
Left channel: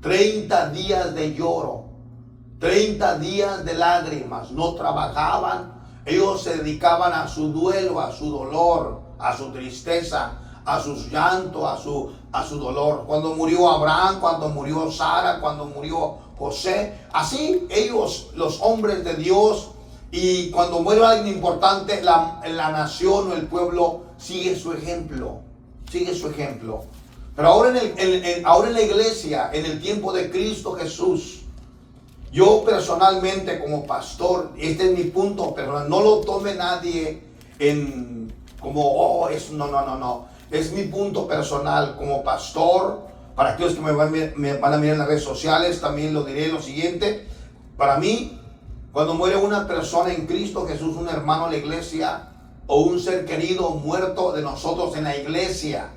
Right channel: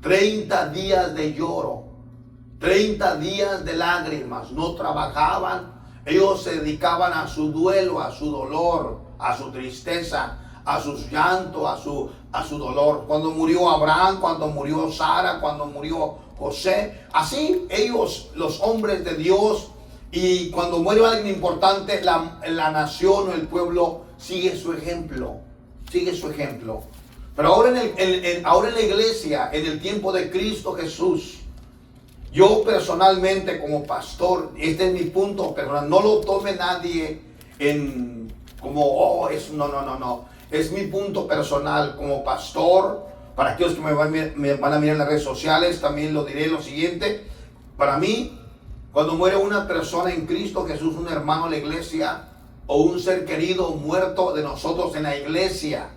30 días de lloro, 30 días de lágrimas, no trabajaban. Ellos se dedicaban a su duelo, a su dolor, a su tristeza, a sus llantos, a su dolor. Cuando murió Abraham, cuando murió Sara, cuando murió José, así ellos, los hombres de Dios, y cuando muere alguien importante, la nación o el pueblo sigue su ejemplo, Pero ahora ahora en la iglesia, en el tiempo de Cristo Jesús, yo personalmente como pastor, este es mi punto personal, no lo tome nadie no, es mi punto personal como pastor. Para aquellos que me van a mirar en las redes sociales, también lo diré lo siguiente. Para mí, cuando muere una persona en Cristo Jesús, un hermano de la iglesia o un ser querido muerto de nosotros en la iglesia,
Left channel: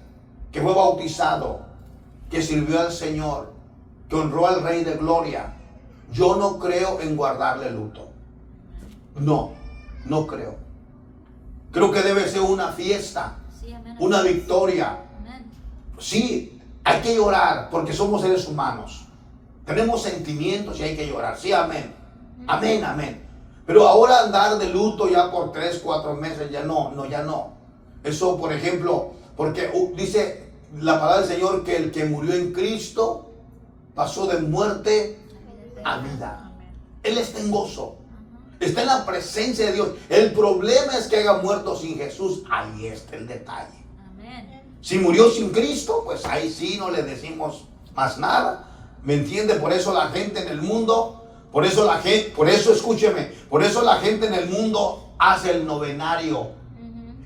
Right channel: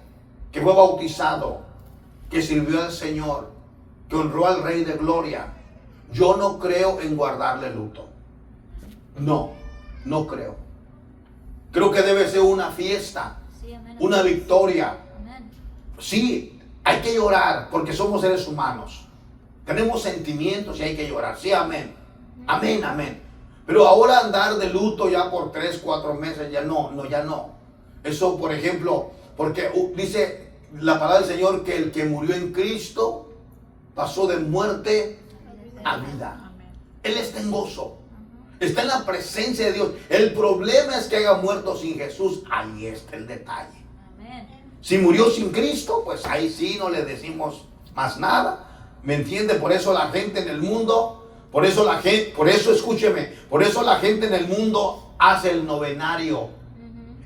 que fue bautizado, que sirvió al Señor, que honró al Rey de Gloria, yo no creo en guardarle luto. No creo. Creo que debe ser una fiesta, una victoria. Sí, hay que llorar porque somos seres humanos. Tenemos sentimientos y hay que llorar. Sí, amén. Amén. Pero ahora andar de luto ya por 3, 4 meses, ya no. Eso, por ejemplo, porque dice la palabra del Señor que el que murió en Cristo pasó de muerte a Amén. vida. Amén. Él está en gozo. Está en la presencia de Dios. El problema es que haya muerto sin Jesús. Ahí está el detalle. Amén. Si murió sin Cristo, pues ahí sí no le decimos más nada. ¿Me entiende? Por eso la gente en el mundo, por eso escúcheme, por eso la gente en el mundo hace el novenario.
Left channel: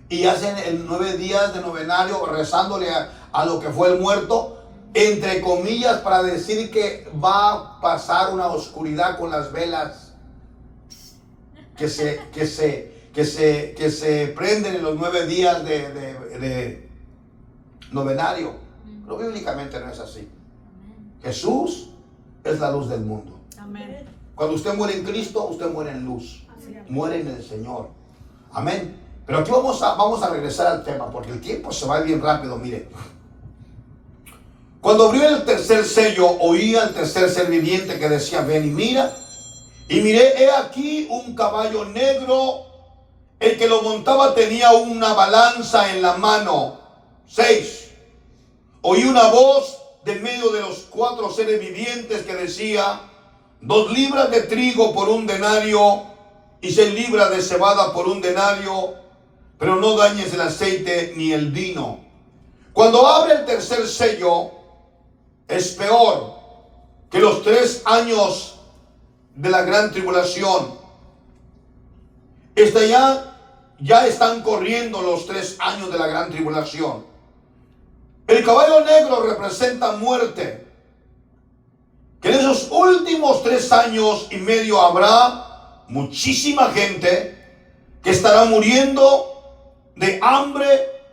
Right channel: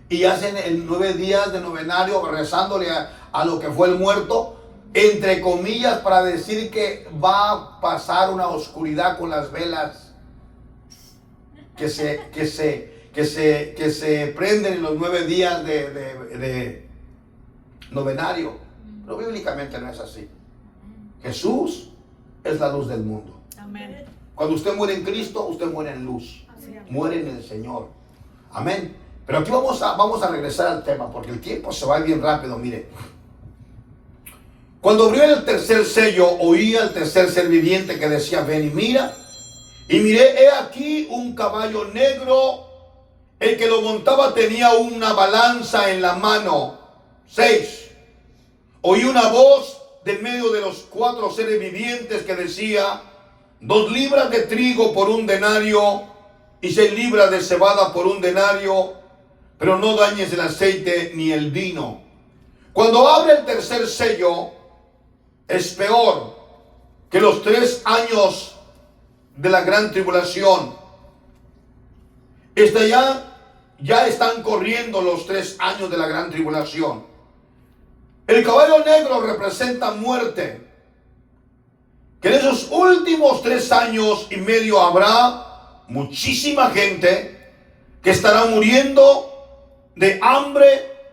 Y hacen el 9 días de novenario rezándole a lo que fue el muerto, entre comillas, para decir que va a pasar una oscuridad con las velas que se prenden en los 9 días de novenario. Pero bíblicamente no es así. Jesús es la luz del mundo. Amén. Cuando usted muere en Cristo, usted muere en luz. Así es. Muere en el Señor. Amén. Pero aquí vamos a regresar al tema, porque el tiempo se va bien rápido. Mire, cuando abrió el tercer sello, oí al tercer ser viviente que decía: ven y mira. Y miré, he aquí un caballo negro. El que lo montaba tenía una balanza en la mano. 6. Oí una voz de medio de los 4 seres vivientes que decía: 2 libras de trigo por 1 denario y 6 libras de cebada por 1 denario, pero no dañes el aceite ni el vino. Cuando abre el tercer sello, es peor que los 3 años de la gran tribulación. Ya están corriendo los 3 años de la gran tribulación. El caballo negro representa muerte. Que en esos últimos 3 años y medio habrá muchísima gente que estará muriendo de hambre.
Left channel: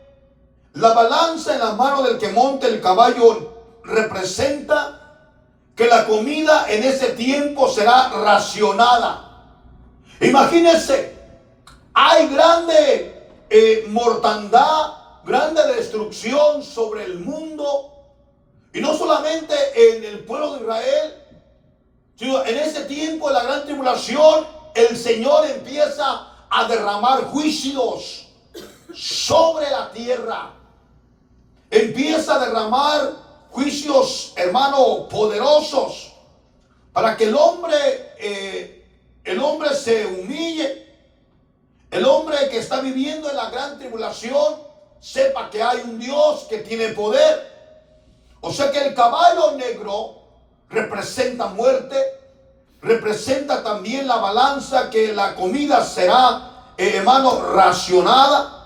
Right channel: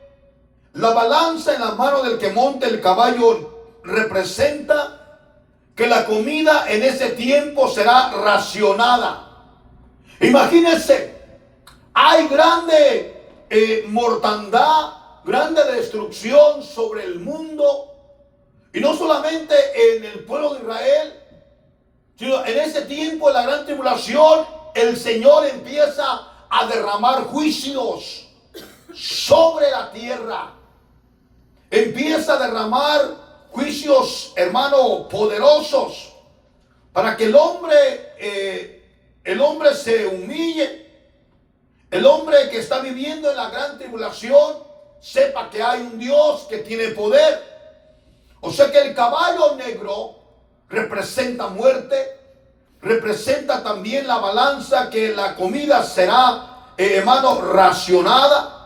La balanza en la mano del que monta el caballo representa que la comida en ese tiempo será racionada. Imagínense, hay grande mortandad, grande destrucción sobre el mundo, y no solamente en el pueblo de Israel, sino en ese tiempo de la gran tribulación, el Señor empieza a derramar juicios sobre la tierra. Empieza a derramar juicios, hermano, poderosos, para que el hombre se humille. El hombre que está viviendo en la gran tribulación sepa que hay un Dios que tiene poder. O sea que el caballo negro representa muerte, representa también la balanza, que la comida será, hermano, racionada.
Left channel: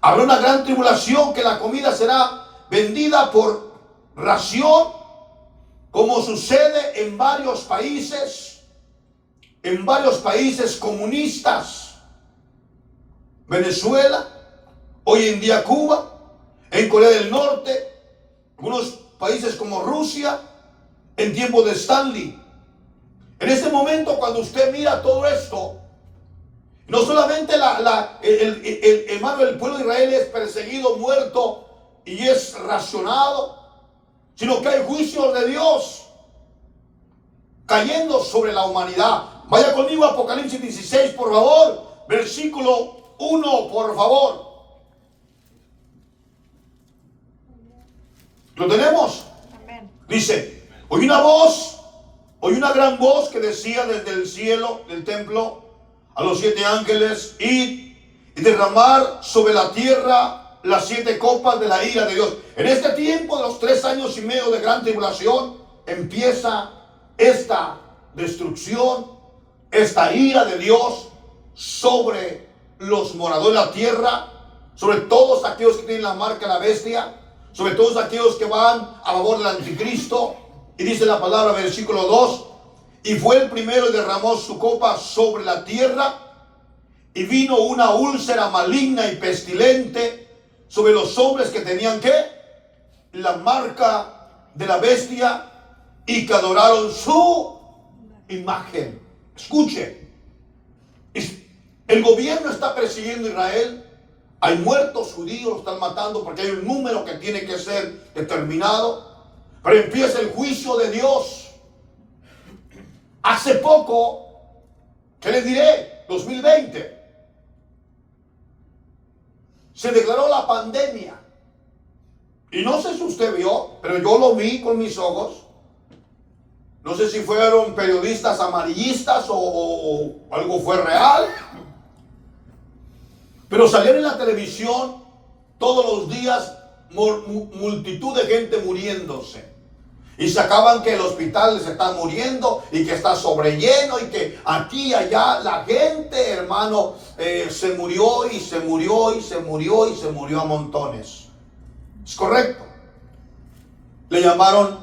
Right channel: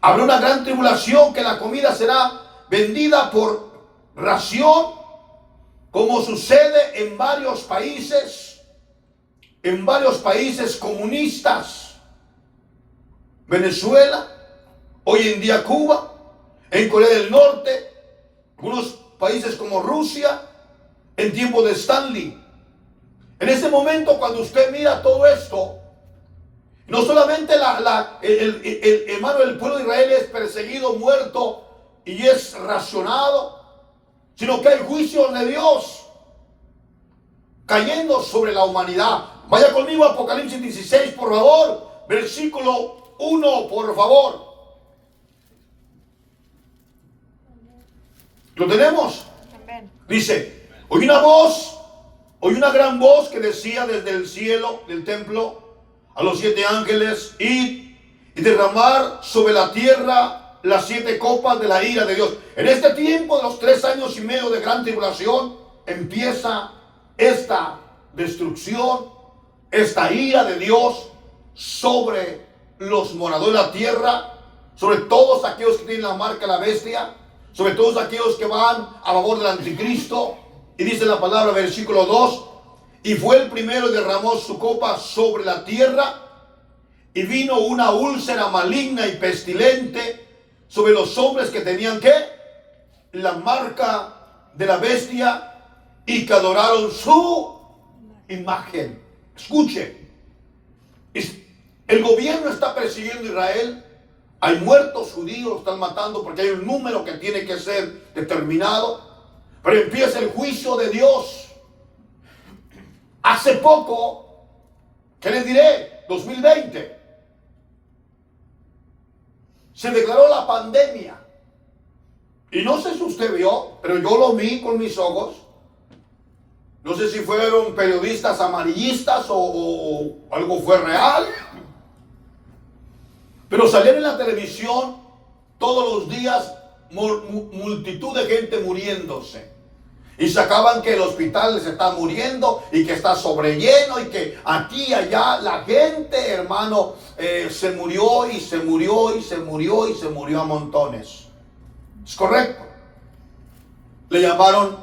Habrá una gran tribulación que la comida será vendida por ración, como sucede en varios países comunistas. Venezuela, hoy en día Cuba, en Corea del Norte, algunos países como Rusia, en tiempo de Stanley. En este momento, cuando usted mira todo esto, no solamente el pueblo de Israel es perseguido, muerto y es racionado, sino que hay juicios de Dios cayendo sobre la humanidad. Vaya conmigo a Apocalipsis 16, por favor, versículo 1, por favor. ¿Lo tenemos? Amén. Dice: oí una gran voz que decía desde el cielo del templo a los 7 ángeles: id y derramar sobre la tierra las 7 copas de la ira de Dios. En este tiempo de los 3 años y medio de gran tribulación empieza esta destrucción, esta ira de Dios sobre los moradores de la tierra, sobre todos aquellos que tienen la marca de la bestia, sobre todos aquellos que van a favor del anticristo. Y dice la palabra, versículo 2: y fue el primero y derramó su copa sobre la tierra, y vino una úlcera maligna y pestilente sobre los hombres que tenían la marca de la bestia y que adoraron su imagen. Escuche, el gobierno está persiguiendo a Israel. Hay muertos judíos, están matando porque hay un número que tiene que ser determinado. Pero empieza el juicio de Dios. Hace poco, ¿qué les diré? 2020. Se declaró la pandemia. Y no sé si usted vio, pero yo lo vi con mis ojos. No sé si fueron periodistas amarillistas o algo fue real. Pero salían en la televisión todos los días multitud de gente muriéndose. Y sacaban que el hospital se está muriendo y que está sobrelleno y que aquí y allá la gente, hermano, se murió y se murió y se murió y se murió a montones. ¿Es correcto? Le llamaron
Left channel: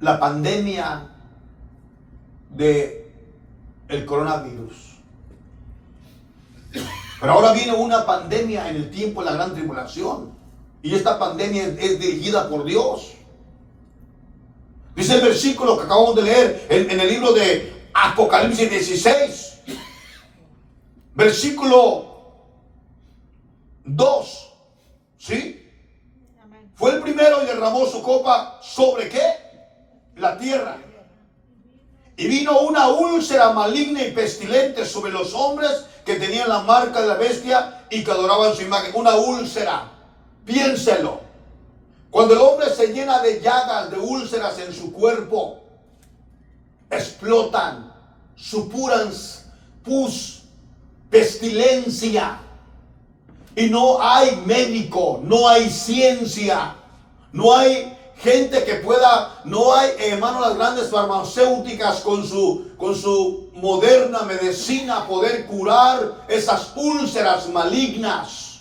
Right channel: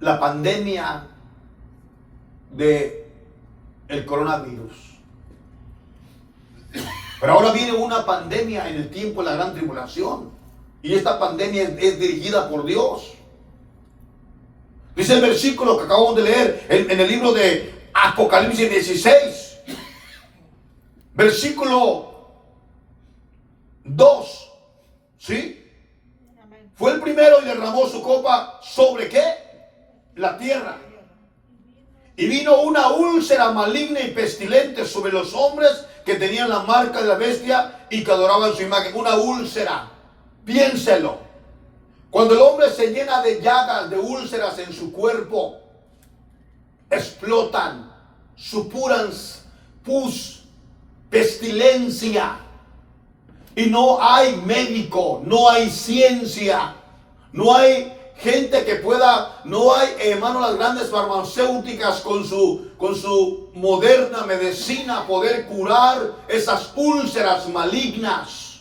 la pandemia de el coronavirus. Pero ahora viene una pandemia en el tiempo de la gran tribulación. Y esta pandemia es dirigida por Dios. Dice el versículo que acabamos de leer en el libro de Apocalipsis 16. Versículo 2. ¿Sí? Fue el primero y derramó su copa ¿sobre qué? La tierra. Y vino una úlcera maligna y pestilente sobre los hombres que tenían la marca de la bestia y que adoraban su imagen. Una úlcera. Piénselo. Cuando el hombre se llena de llagas, de úlceras en su cuerpo, explotan, supuran pus, pestilencia. Y no hay médico, no hay ciencia, no hay gente que pueda, no hay, hermano, las grandes farmacéuticas con su moderna medicina poder curar esas úlceras malignas.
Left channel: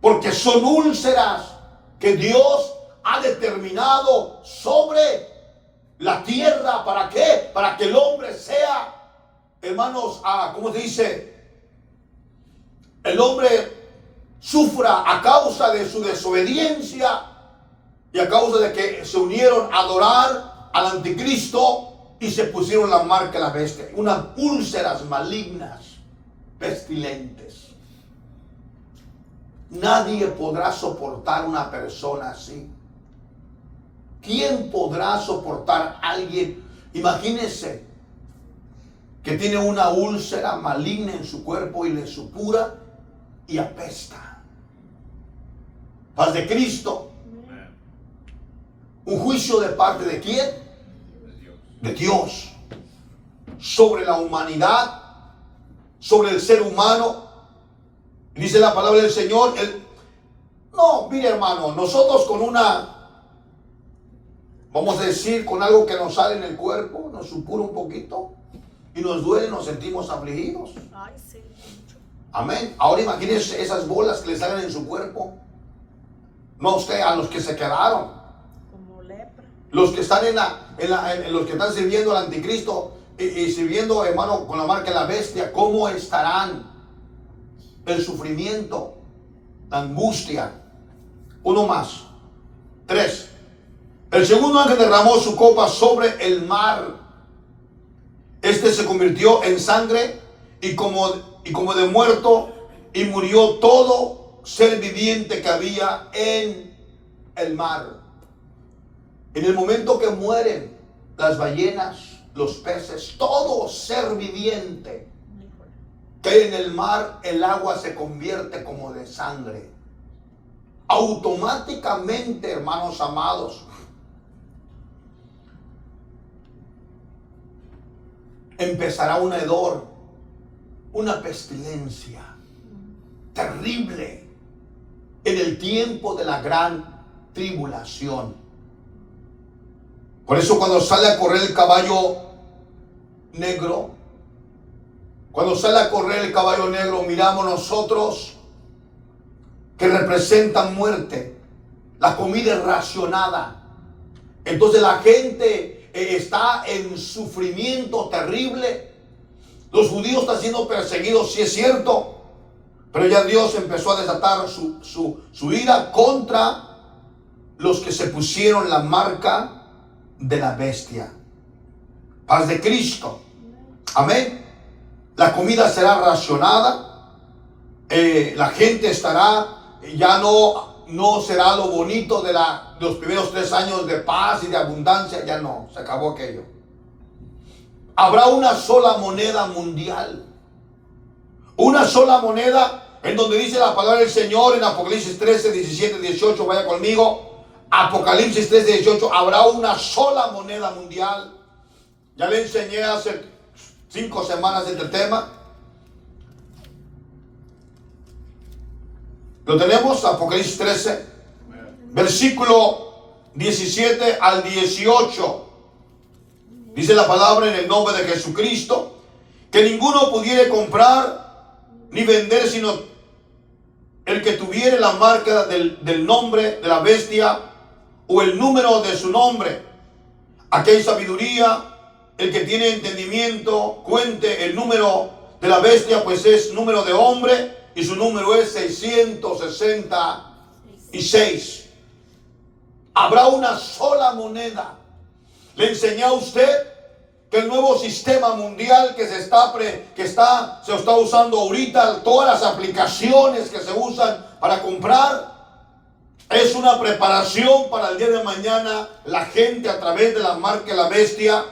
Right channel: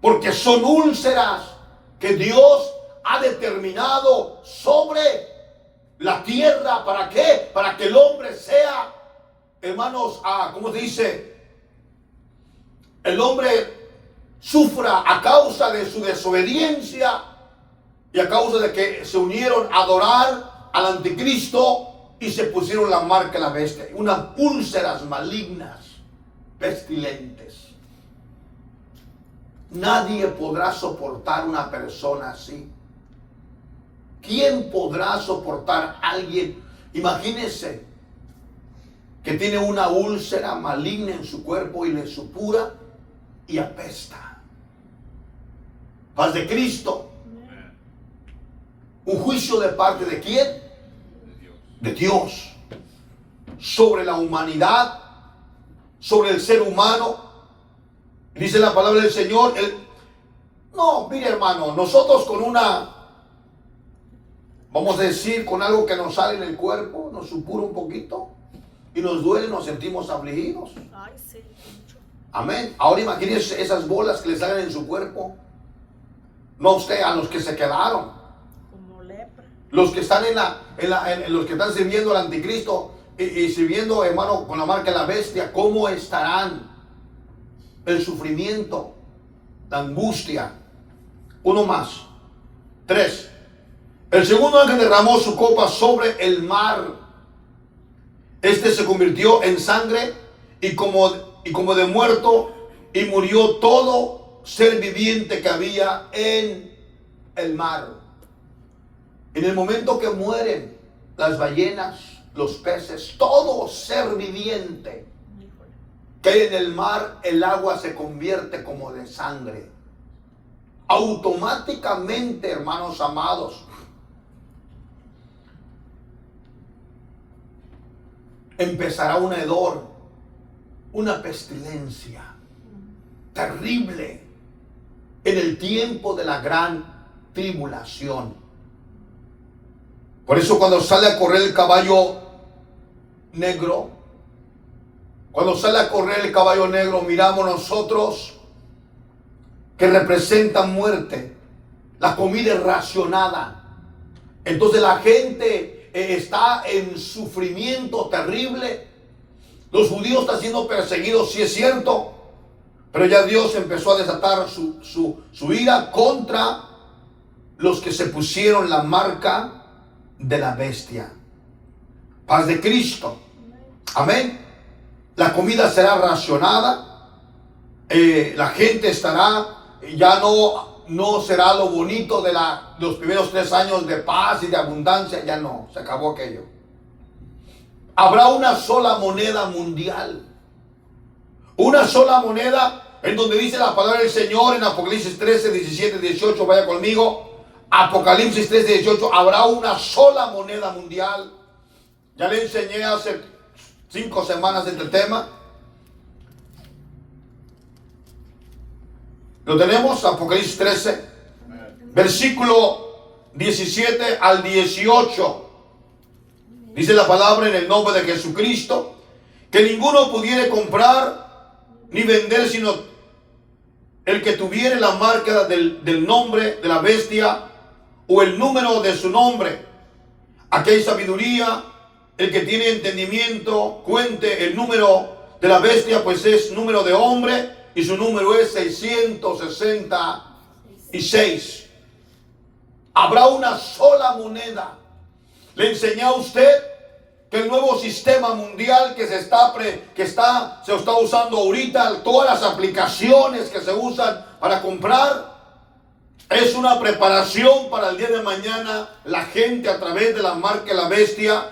Porque son úlceras que Dios ha determinado sobre la tierra. ¿Para qué? Para que el hombre sea, hermanos, ¿cómo se dice? El hombre sufra a causa de su desobediencia y a causa de que se unieron a adorar al anticristo y se pusieron la marca de la bestia. Unas úlceras malignas, pestilentes. Nadie podrá soportar una persona así. ¿Quién podrá soportar a alguien? Imagínense que tiene una úlcera maligna en su cuerpo y le supura y apesta. Paz de Cristo. ¿Un juicio de parte de quién? De Dios. Sobre la humanidad, sobre el ser humano. Dice la palabra del Señor. No, mire hermano, nosotros con vamos a decir, con algo que nos sale en el cuerpo, nos supura un poquito y nos duele, nos sentimos afligidos. Ay, sí, mucho. Amén. Ahora imagínense esas bolas que le salen en su cuerpo. No usted, a los que se quedaron. Como lepra. Los que están los que están sirviendo al anticristo y sirviendo, hermano, con la marca de la bestia, ¿cómo estarán? El sufrimiento, la angustia. Uno más. 3. El segundo ángel derramó su copa sobre el mar. Este se convirtió en sangre y como de muerto, y murió todo ser viviente que había en el mar. En el momento que mueren las ballenas, los peces, todo ser viviente que hay en el mar, el agua se convierte como de sangre. Automáticamente, hermanos amados, empezará un hedor, una pestilencia terrible en el tiempo de la gran tribulación. Por eso cuando sale a correr el caballo negro, miramos nosotros que representa muerte. La comida es racionada. Entonces la gente está en sufrimiento terrible. Los judíos están siendo perseguidos, sí es cierto, pero ya Dios empezó a desatar su ira contra los que se pusieron la marca de la bestia. Paz de Cristo. Amén. La comida será racionada. La gente estará, ya no será lo bonito de los primeros 3 años de paz y de abundancia. Ya no, se acabó aquello. Habrá una sola moneda mundial. Una sola moneda, en donde dice la palabra del Señor en Apocalipsis 13, 17, 18. Vaya conmigo. Apocalipsis 13, 18. Habrá una sola moneda mundial. Ya le enseñé hace 5 semanas este tema. Lo tenemos, Apocalipsis 13, versículo 17 al 18. Dice la palabra en el nombre de Jesucristo, que ninguno pudiera comprar ni vender, sino el que tuviera la marca del nombre de la bestia o el número de su nombre. Aquí hay sabiduría. El que tiene entendimiento cuente el número de la bestia, pues es número de hombre y su número es 666. Habrá una sola moneda. Le enseñé a usted que el nuevo sistema mundial que se está usando ahorita, todas las aplicaciones que se usan para comprar, es una preparación para el día de mañana. La gente, a través de la marca de la bestia,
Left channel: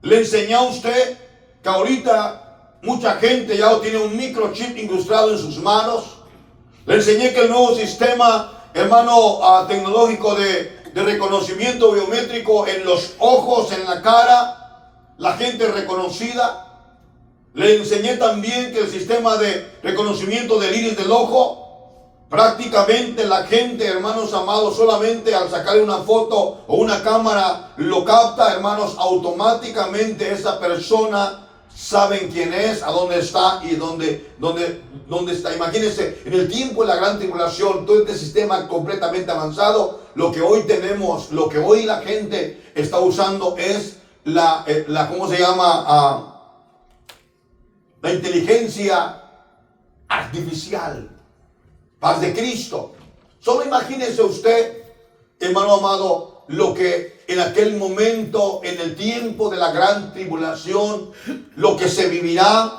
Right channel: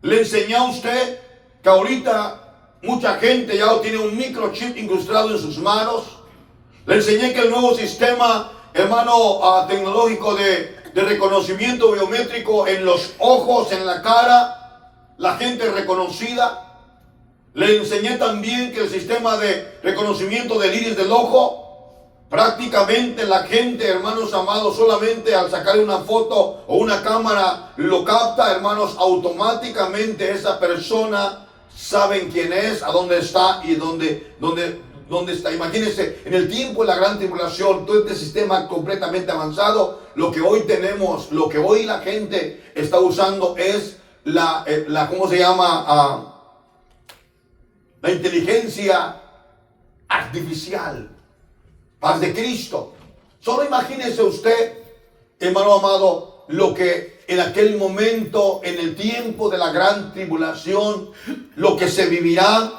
le enseñé a usted que ahorita mucha gente ya tiene un microchip incrustado en sus manos. Le enseñé que el nuevo sistema, hermano, tecnológico de reconocimiento biométrico en los ojos, en la cara, la gente reconocida. Le enseñé también que el sistema de reconocimiento del iris del ojo, prácticamente la gente, hermanos amados, solamente al sacar una foto o una cámara lo capta, hermanos, automáticamente esa persona saben quién es, a dónde está y dónde está. Imagínense, en el tiempo de la gran tribulación, todo este sistema completamente avanzado, lo que hoy tenemos, lo que hoy la gente está usando es ¿cómo se llama? La inteligencia artificial. Paz de Cristo. Solo imagínese usted, hermano amado, lo que en aquel momento, en el tiempo de la gran tribulación, lo que se vivirá,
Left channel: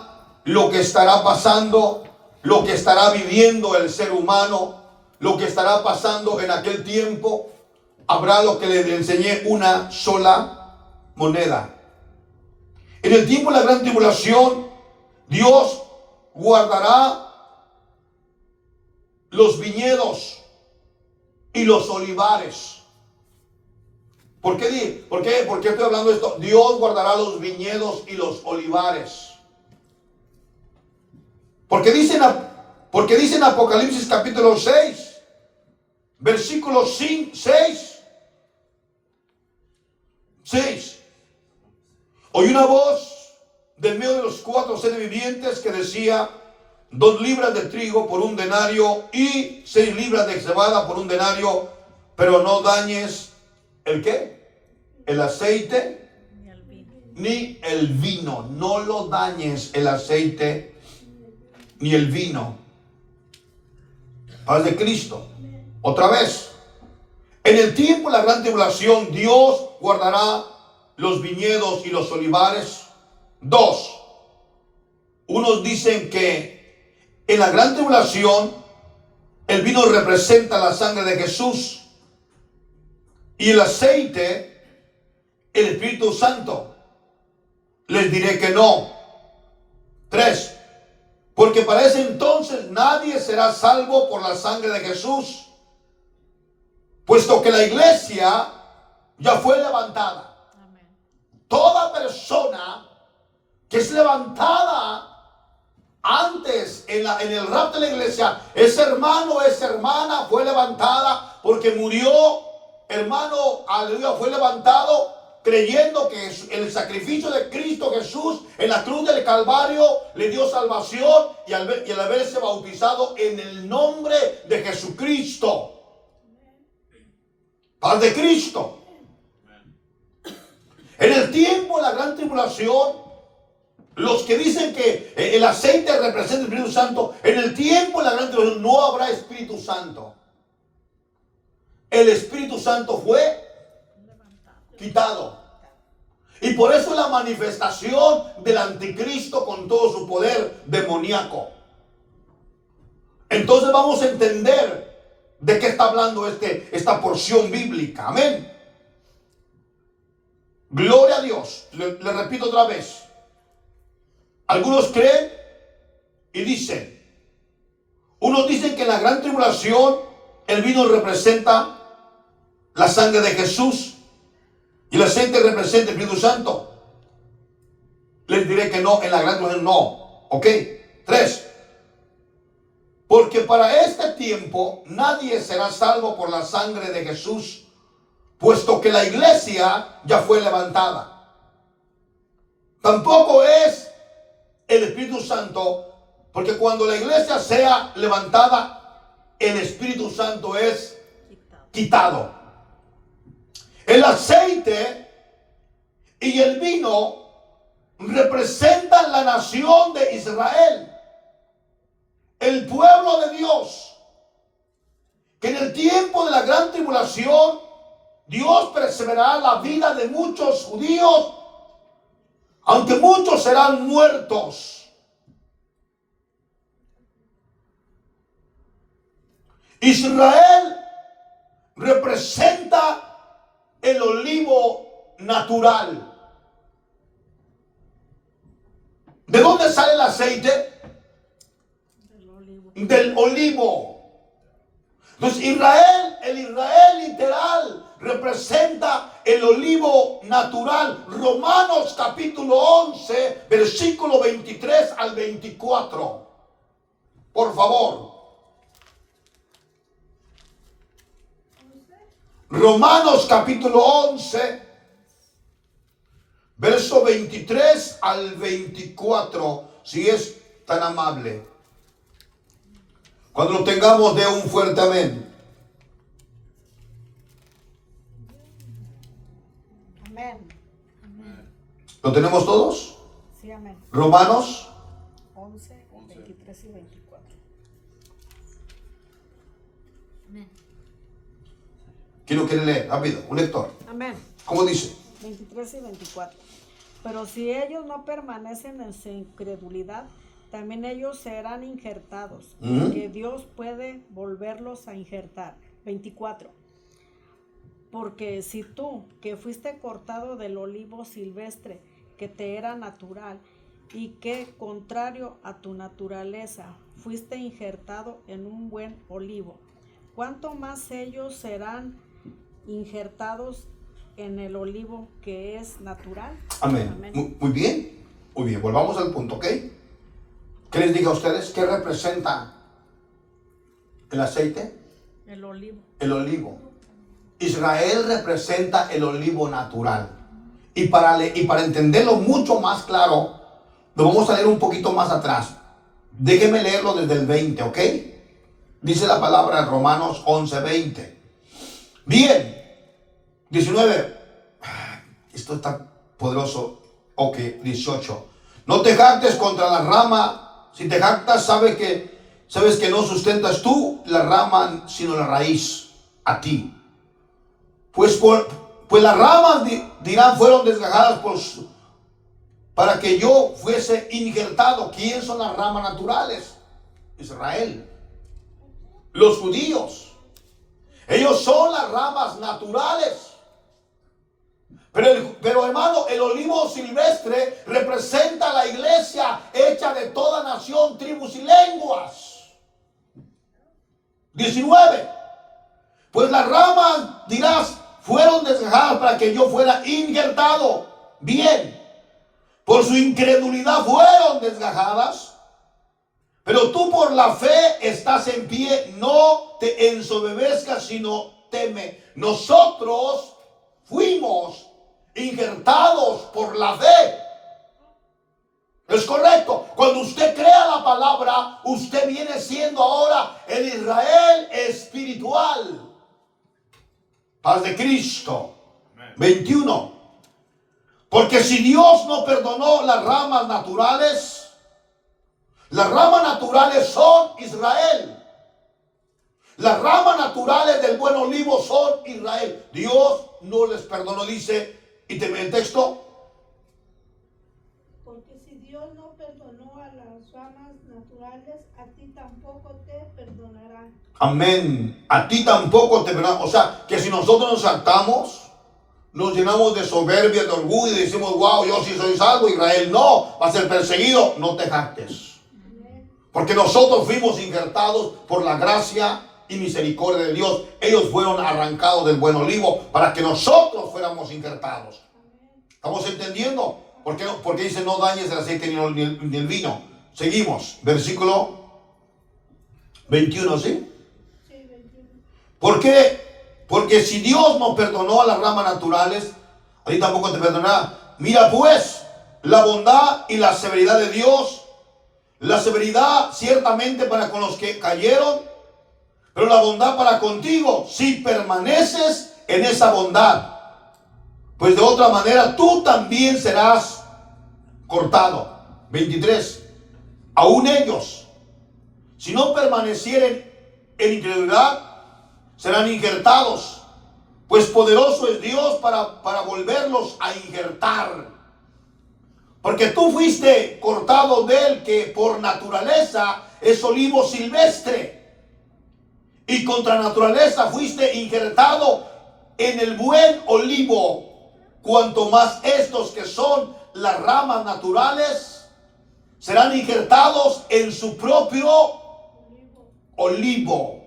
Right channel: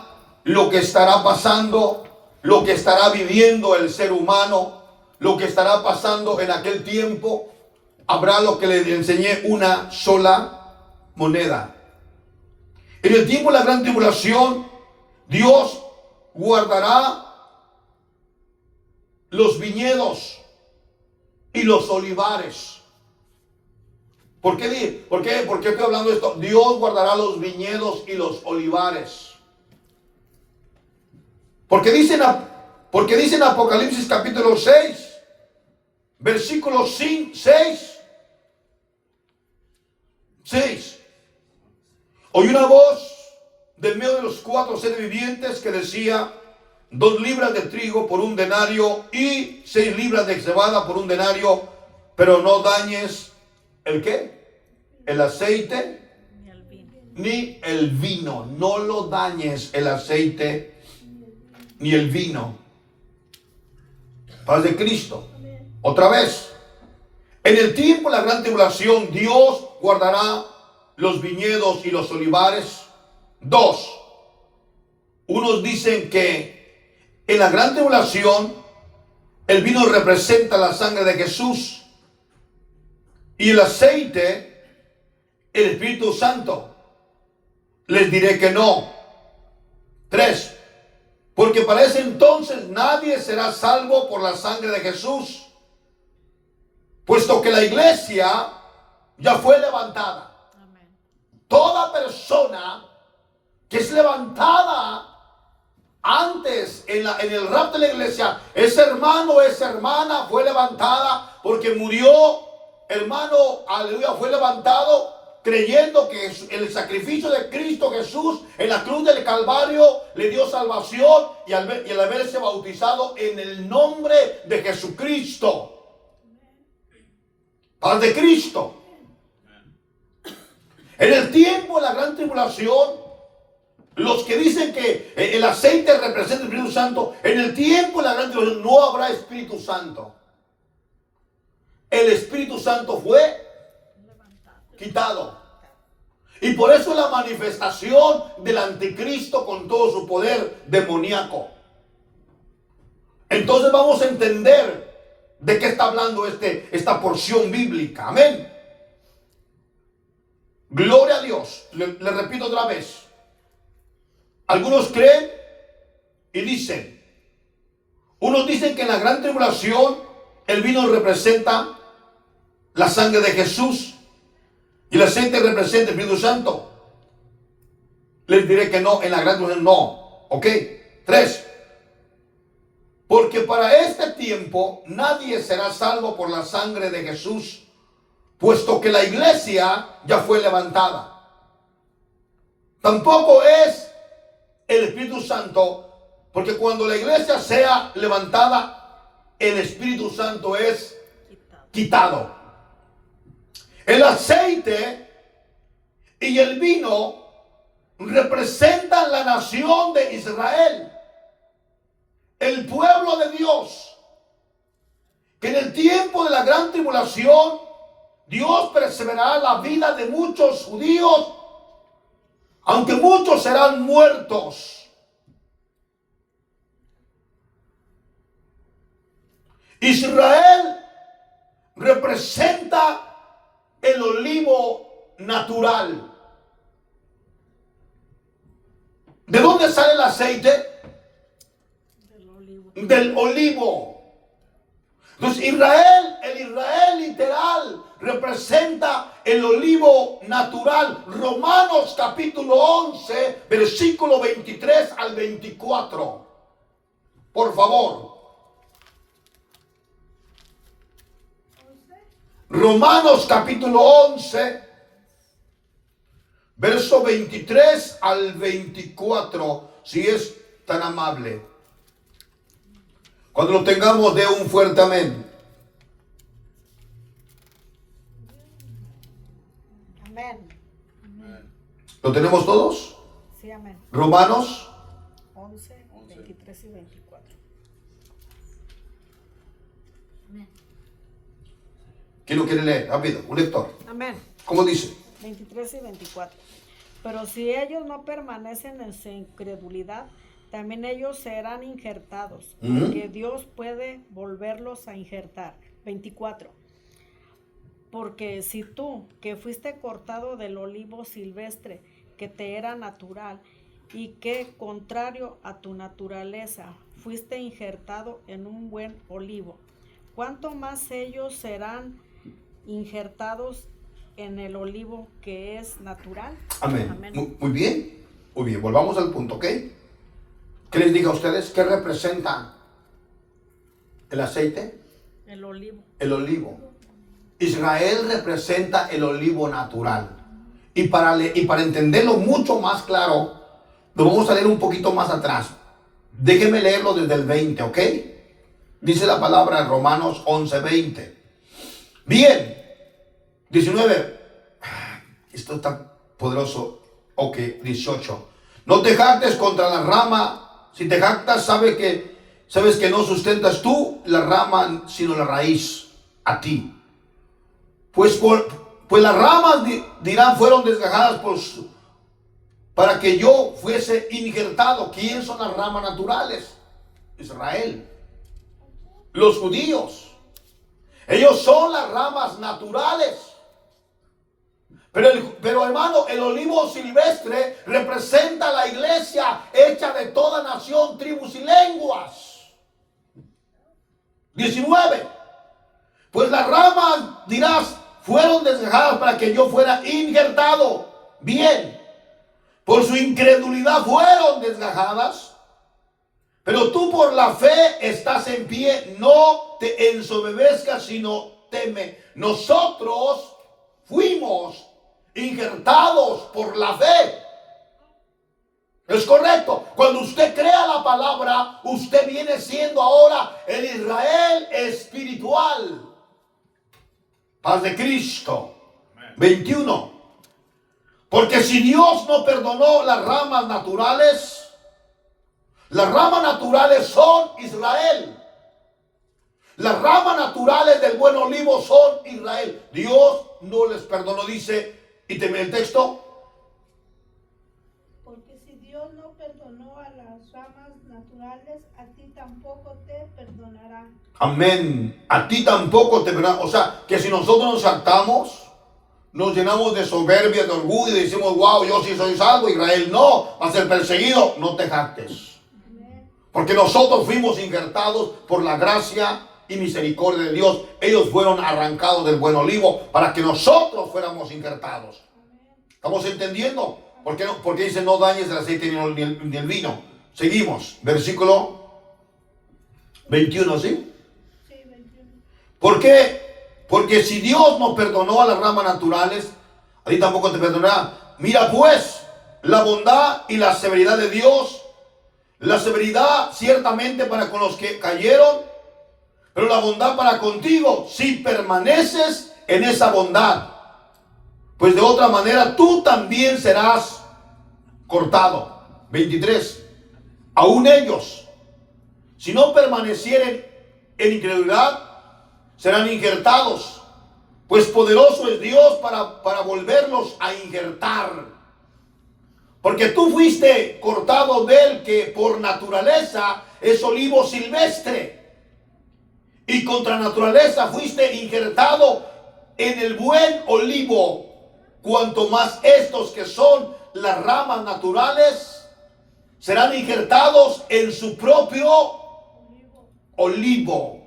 lo que estará pasando, lo que estará viviendo el ser humano, lo que estará pasando en aquel tiempo. Habrá, lo que le enseñé, una sola moneda. En el tiempo de la gran tribulación, Dios guardará los viñedos y los olivares. ¿Por qué estoy hablando de esto? Dios guardará los viñedos y los olivares. Porque dice en Apocalipsis capítulo 6, versículo 6. Oí una voz del medio de los 4 seres vivientes que decía: 2 libras de trigo por 1 denario y 6 libras de cebada por 1 denario, pero no dañes ¿el qué? El aceite ni el vino. No lo dañes, el aceite ni el vino. Paz de Cristo. Otra vez, en el tiempo de la gran tribulación, Dios guardará los viñedos y los olivares. 2. Unos dicen que en la gran tribulación el vino representa la sangre de Jesús y el aceite el Espíritu Santo. Les diré que no. 3. Porque para ese entonces nadie será salvo por la sangre de Jesús, puesto que la iglesia ya fue levantada. Toda persona que es levantada antes en el rapto de la iglesia, ese hermano, esa hermana fue levantada porque murió, hermano, aleluya, fue levantado creyendo que el sacrificio de Cristo Jesús en la cruz del Calvario le dio salvación, y al haberse bautizado en el nombre de Jesucristo. Paz de Cristo. En el tiempo de la gran tribulación, los que dicen que el aceite representa el Espíritu Santo, en el tiempo de la gran tribulación no habrá Espíritu Santo. El Espíritu Santo fue quitado. Y por eso la manifestación del anticristo con todo su poder demoníaco. Entonces vamos a entender de qué está hablando esta porción bíblica. Amén. Gloria a Dios. Le repito otra vez. Algunos creen y dicen. Unos dicen que en la gran tribulación el vino representa la sangre de Jesús y el aceite representa el Espíritu Santo. les diré que no, en la gran tribulación no. ¿Ok? 3. Porque para este tiempo nadie será salvo por la sangre de Jesús, puesto que la iglesia ya fue levantada. Tampoco es el Espíritu Santo, porque cuando la iglesia sea levantada, el Espíritu Santo es quitado. El aceite y el vino representan la nación de Israel, el pueblo de Dios, que en el tiempo de la gran tribulación Dios preservará la vida de muchos judíos, aunque muchos serán muertos. Israel representa el olivo natural. ¿De dónde sale el aceite? Del olivo. Entonces el Israel literal representa el olivo natural. Romanos capítulo 11, versículo 23 al 24. Por favor. Romanos capítulo 11, verso 23 al 24, si es tan amable. Cuando lo tengamos, dé un fuerte amén. Amén. ¿Lo tenemos todos? Sí, amén. Romanos 11, 23 y 24. ¿Quién lo quiere leer? Rápido, un lector. Amén. ¿Cómo dice? 23 y 24. Pero si ellos no permanecen en su incredulidad, también ellos serán injertados, que Dios puede volverlos a injertar. 24. Porque si tú, que fuiste cortado del olivo silvestre, que te era natural, y que, contrario a tu naturaleza, fuiste injertado en un buen olivo, ¿cuánto más ellos serán injertados en el olivo que es natural? Amén. Amén. Muy bien. Muy bien. Volvamos al punto, ¿ok? ¿Qué les digo a ustedes? ¿Qué representa el aceite? El olivo. El olivo. Israel representa el olivo natural. Y para entenderlo mucho más claro, lo vamos a leer un poquito más atrás. Déjenme leerlo desde el 20, ¿ok? Dice la palabra en Romanos 11, 20. Bien. 19. Esto es tan poderoso. Ok, 18. No te jactes contra la rama. Si te jactas, sabes que no sustentas tú la rama, sino la raíz, a ti. Pues las ramas dirán fueron desgajadas para que yo fuese injertado. ¿Quién son las ramas naturales? Israel. Los judíos. Ellos son las ramas naturales. Pero hermano, el olivo silvestre representa la iglesia hecha de toda nación, tribus y lenguas. 19. Pues las ramas, dirás, fueron desgajadas para que yo fuera injertado. Bien. Por su incredulidad fueron desgajadas. Pero tú por la fe estás en pie. No te ensoberbezcas, sino teme. Nosotros fuimos injertados por la fe. Es correcto. Cuando usted crea la palabra, usted viene siendo ahora el Israel espiritual. Paz de Cristo. 21. Porque si Dios no perdonó las ramas naturales son Israel. Las ramas naturales del buen olivo son Israel. Dios no les perdonó, dice. ¿Y te ve el texto? Porque si Dios no perdonó a las ramas naturales, a ti tampoco te perdonará. Amén. A ti tampoco te perdonará. O sea, que si nosotros nos saltamos, nos llenamos de soberbia, de orgullo y decimos, wow, yo sí soy salvo, Israel no, va a ser perseguido. No te jactes. Porque nosotros fuimos injertados por la gracia y misericordia de Dios. Ellos fueron arrancados del buen olivo para que nosotros fuéramos injertados. ¿Estamos entendiendo? ¿Por qué no? Porque dice no dañes el aceite ni el vino. Seguimos, versículo 21, ¿sí? Sí, 21. ¿Por qué? Porque si Dios nos perdonó a las ramas naturales, a ti tampoco te perdonará. Mira pues la bondad y la severidad de Dios. La severidad ciertamente para con los que cayeron, pero la bondad para contigo si permaneces en esa bondad. Pues de otra manera tú también serás cortado. 23. Aún ellos, si no permanecieren en incredulidad, serán injertados. Pues poderoso es Dios para volverlos a injertar. Porque tú fuiste cortado del que por naturaleza es olivo silvestre. Y contra naturaleza fuiste injertado en el buen olivo. Cuanto más estos que son las ramas naturales serán injertados en su propio olivo.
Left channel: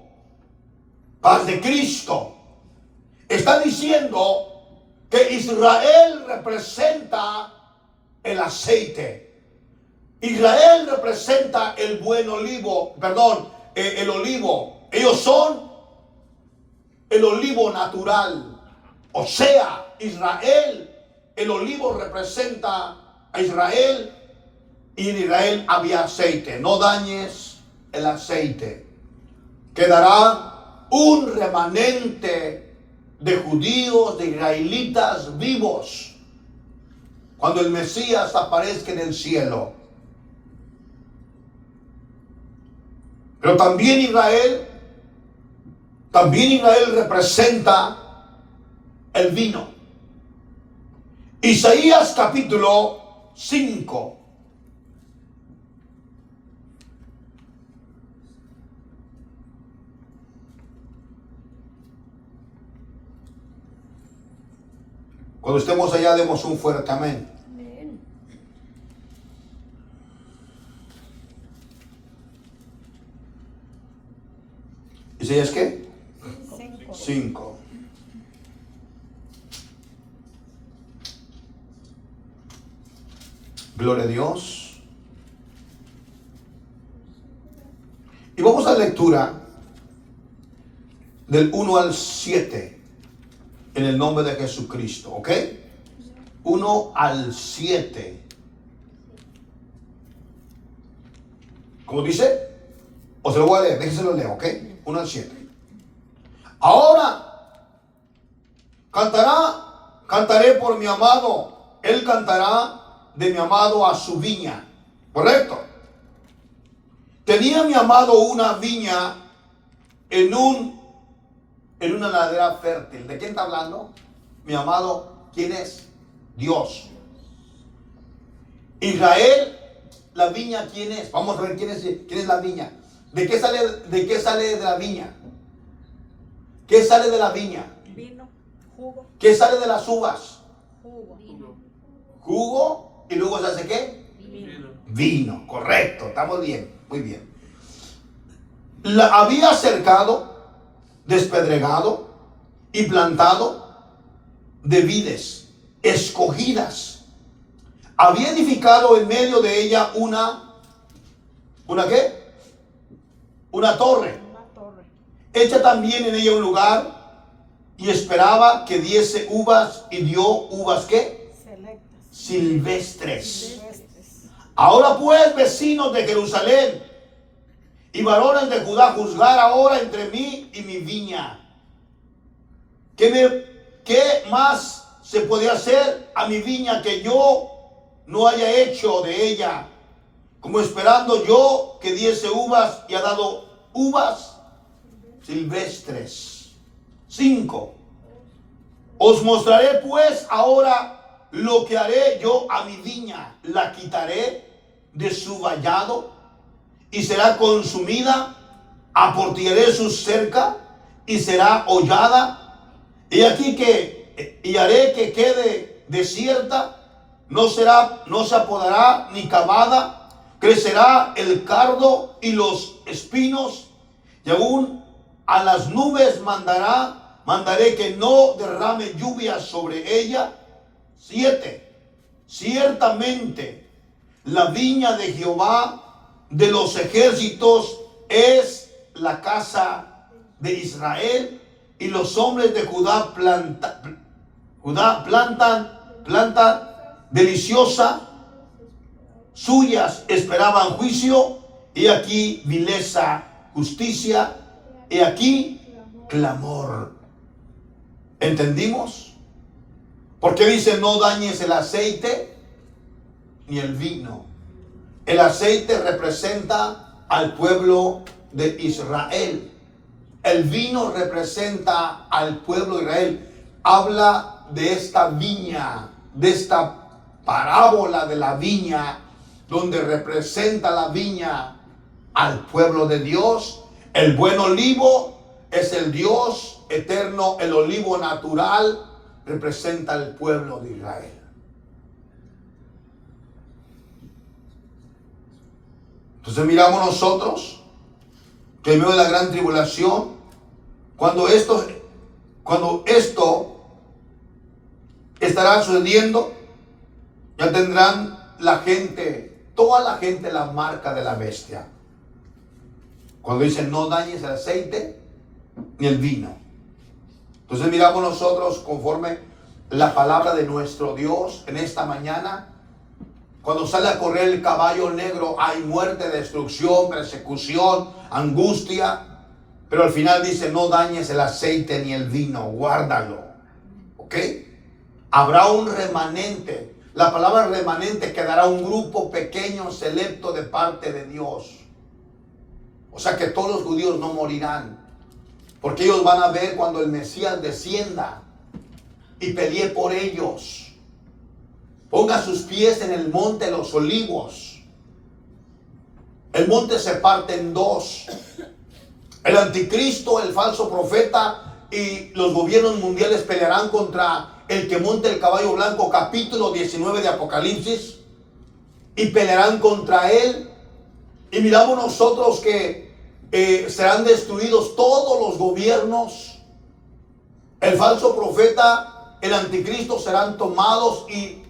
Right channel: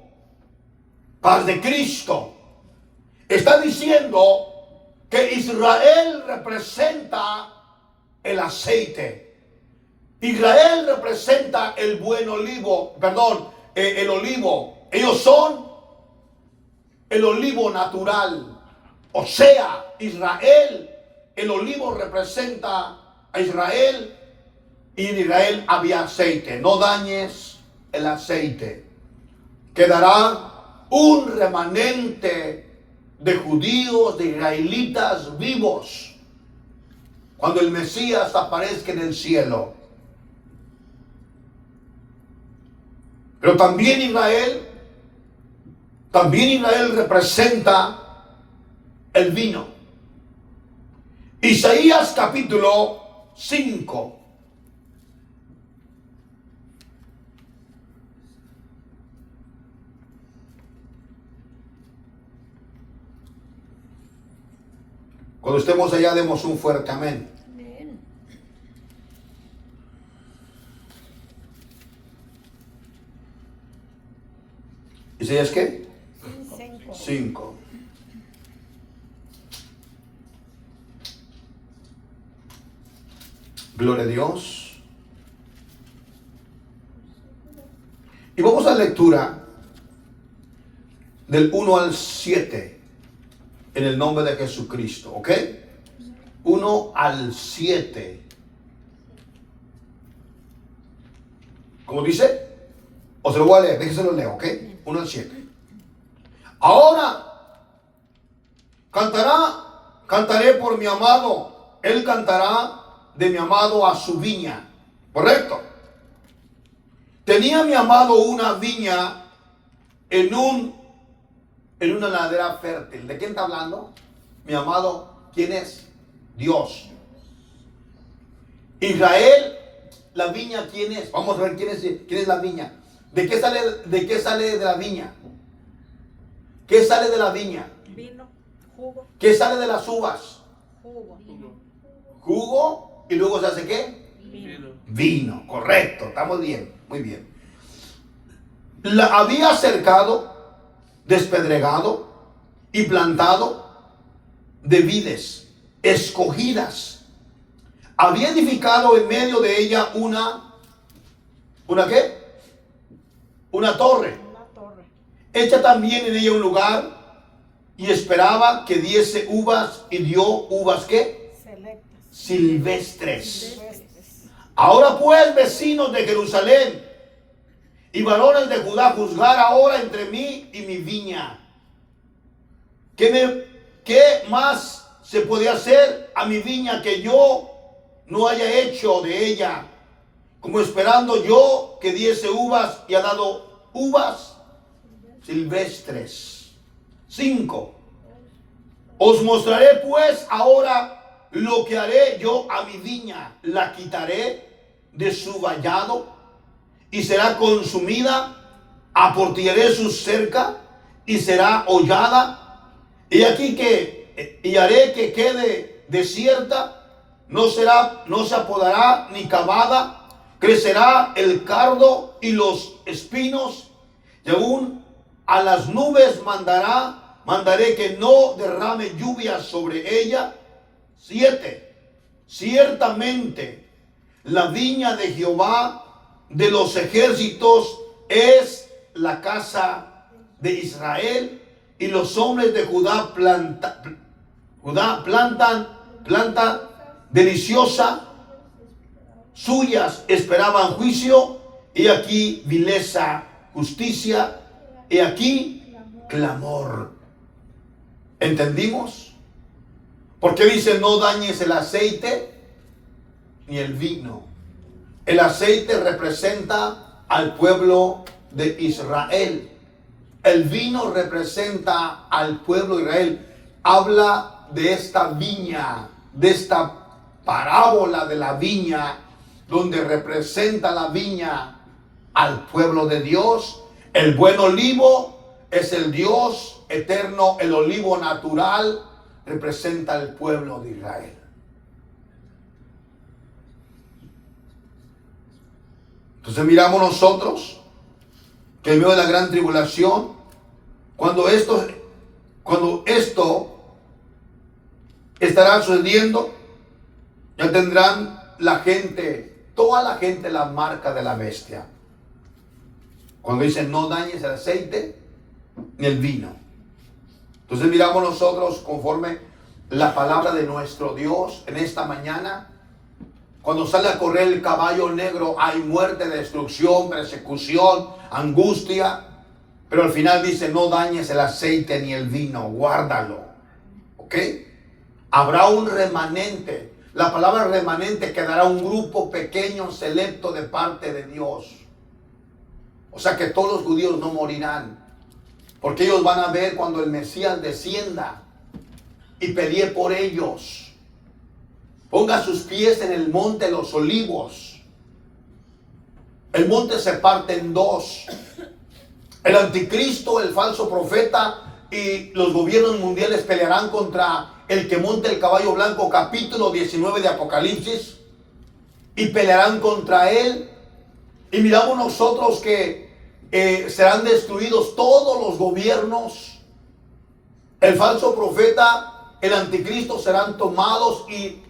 Paz de Cristo. Está diciendo que Israel representa el aceite. Israel representa el buen olivo, el olivo. Ellos son el olivo natural. O sea, Israel, el olivo representa a Israel y en Israel había aceite. No dañes el aceite. Quedará un remanente de judíos, de israelitas vivos cuando el Mesías aparezca en el cielo. Pero también Israel representa el vino. Isaías capítulo 5. Cuando estemos allá demos un fuerte amén. Amén. ¿Isaías qué? 5. 5. Gloria a Dios. Y vamos a la lectura del 1 al 7 en el nombre de Jesucristo, ¿ok? 1 al 7. ¿Cómo dice? O se lo voy a leer, déjenselo leer, ¿ok? 1 al 7. Ahora cantaré por mi amado, él cantará de mi amado a su viña, ¿correcto? Tenía mi amado una viña en una ladera fértil. ¿De quién está hablando? Mi amado, ¿quién es? Dios. Israel, la viña, ¿quién es? Vamos a ver quién es la viña. ¿De qué sale de la viña? ¿Qué sale de la viña? Vino, jugo, ¿Qué sale de las uvas? jugo, Jugo, y luego se hace ¿qué? vino. Vino, correcto, estamos bien, muy bien. La había cercado, despedregado y plantado de vides escogidas. Había edificado en medio de ella ¿una qué? Una torre. Una torre. Hecha también en ella un lugar y esperaba que diese uvas y dio uvas ¿qué? Selectas. Silvestres. Silvestres. Ahora pues, vecinos de Jerusalén y varones de Judá, juzgar ahora entre mí y mi viña. ¿Qué más se puede hacer a mi viña que yo no haya hecho de ella? Como esperando yo que diese uvas y ha dado uvas silvestres. 5. Os mostraré pues ahora lo que haré yo a mi viña. La quitaré de su vallado y será consumida. Aportillaré su cerca y será hollada. Y aquí y haré que quede desierta. No se apodará ni cavada. Crecerá el cardo y los espinos. Y aún a las nubes mandaré que no derrame lluvia sobre ella. 7. ciertamente la viña de Jehová de los ejércitos es la casa de Israel, y los hombres de Judá plantan deliciosa, suyas esperaban juicio, y aquí vileza, justicia, y aquí clamor. ¿Entendimos? Porque dice: no dañes el aceite ni el vino. El aceite representa al pueblo de Israel. El vino representa al pueblo de Israel. Habla de esta viña, de esta parábola de la viña, donde representa la viña al pueblo de Dios. El buen olivo es el Dios eterno. El olivo natural representa al pueblo de Israel. Entonces miramos nosotros que en medio de la gran tribulación, cuando esto estará sucediendo, ya tendrán la gente, toda la gente, la marca de la bestia. Cuando dicen: no dañes el aceite ni el vino. Entonces miramos nosotros conforme la palabra de nuestro Dios en esta mañana. Cuando sale a correr el caballo negro, hay muerte, destrucción, persecución, angustia. Pero al final dice: no dañes el aceite ni el vino, guárdalo. ¿Ok? Habrá un remanente. La palabra remanente, quedará un grupo pequeño, selecto de parte de Dios. O sea que todos los judíos no morirán, porque ellos van a ver cuando el Mesías descienda y pelee por ellos. Ponga sus pies en el monte de los olivos. El monte se parte en dos. El anticristo, el falso profeta y los gobiernos mundiales pelearán contra el que monta el caballo blanco, capítulo 19 de Apocalipsis, y pelearán contra él. Y miramos nosotros que serán destruidos todos los gobiernos. El falso profeta, el anticristo serán tomados y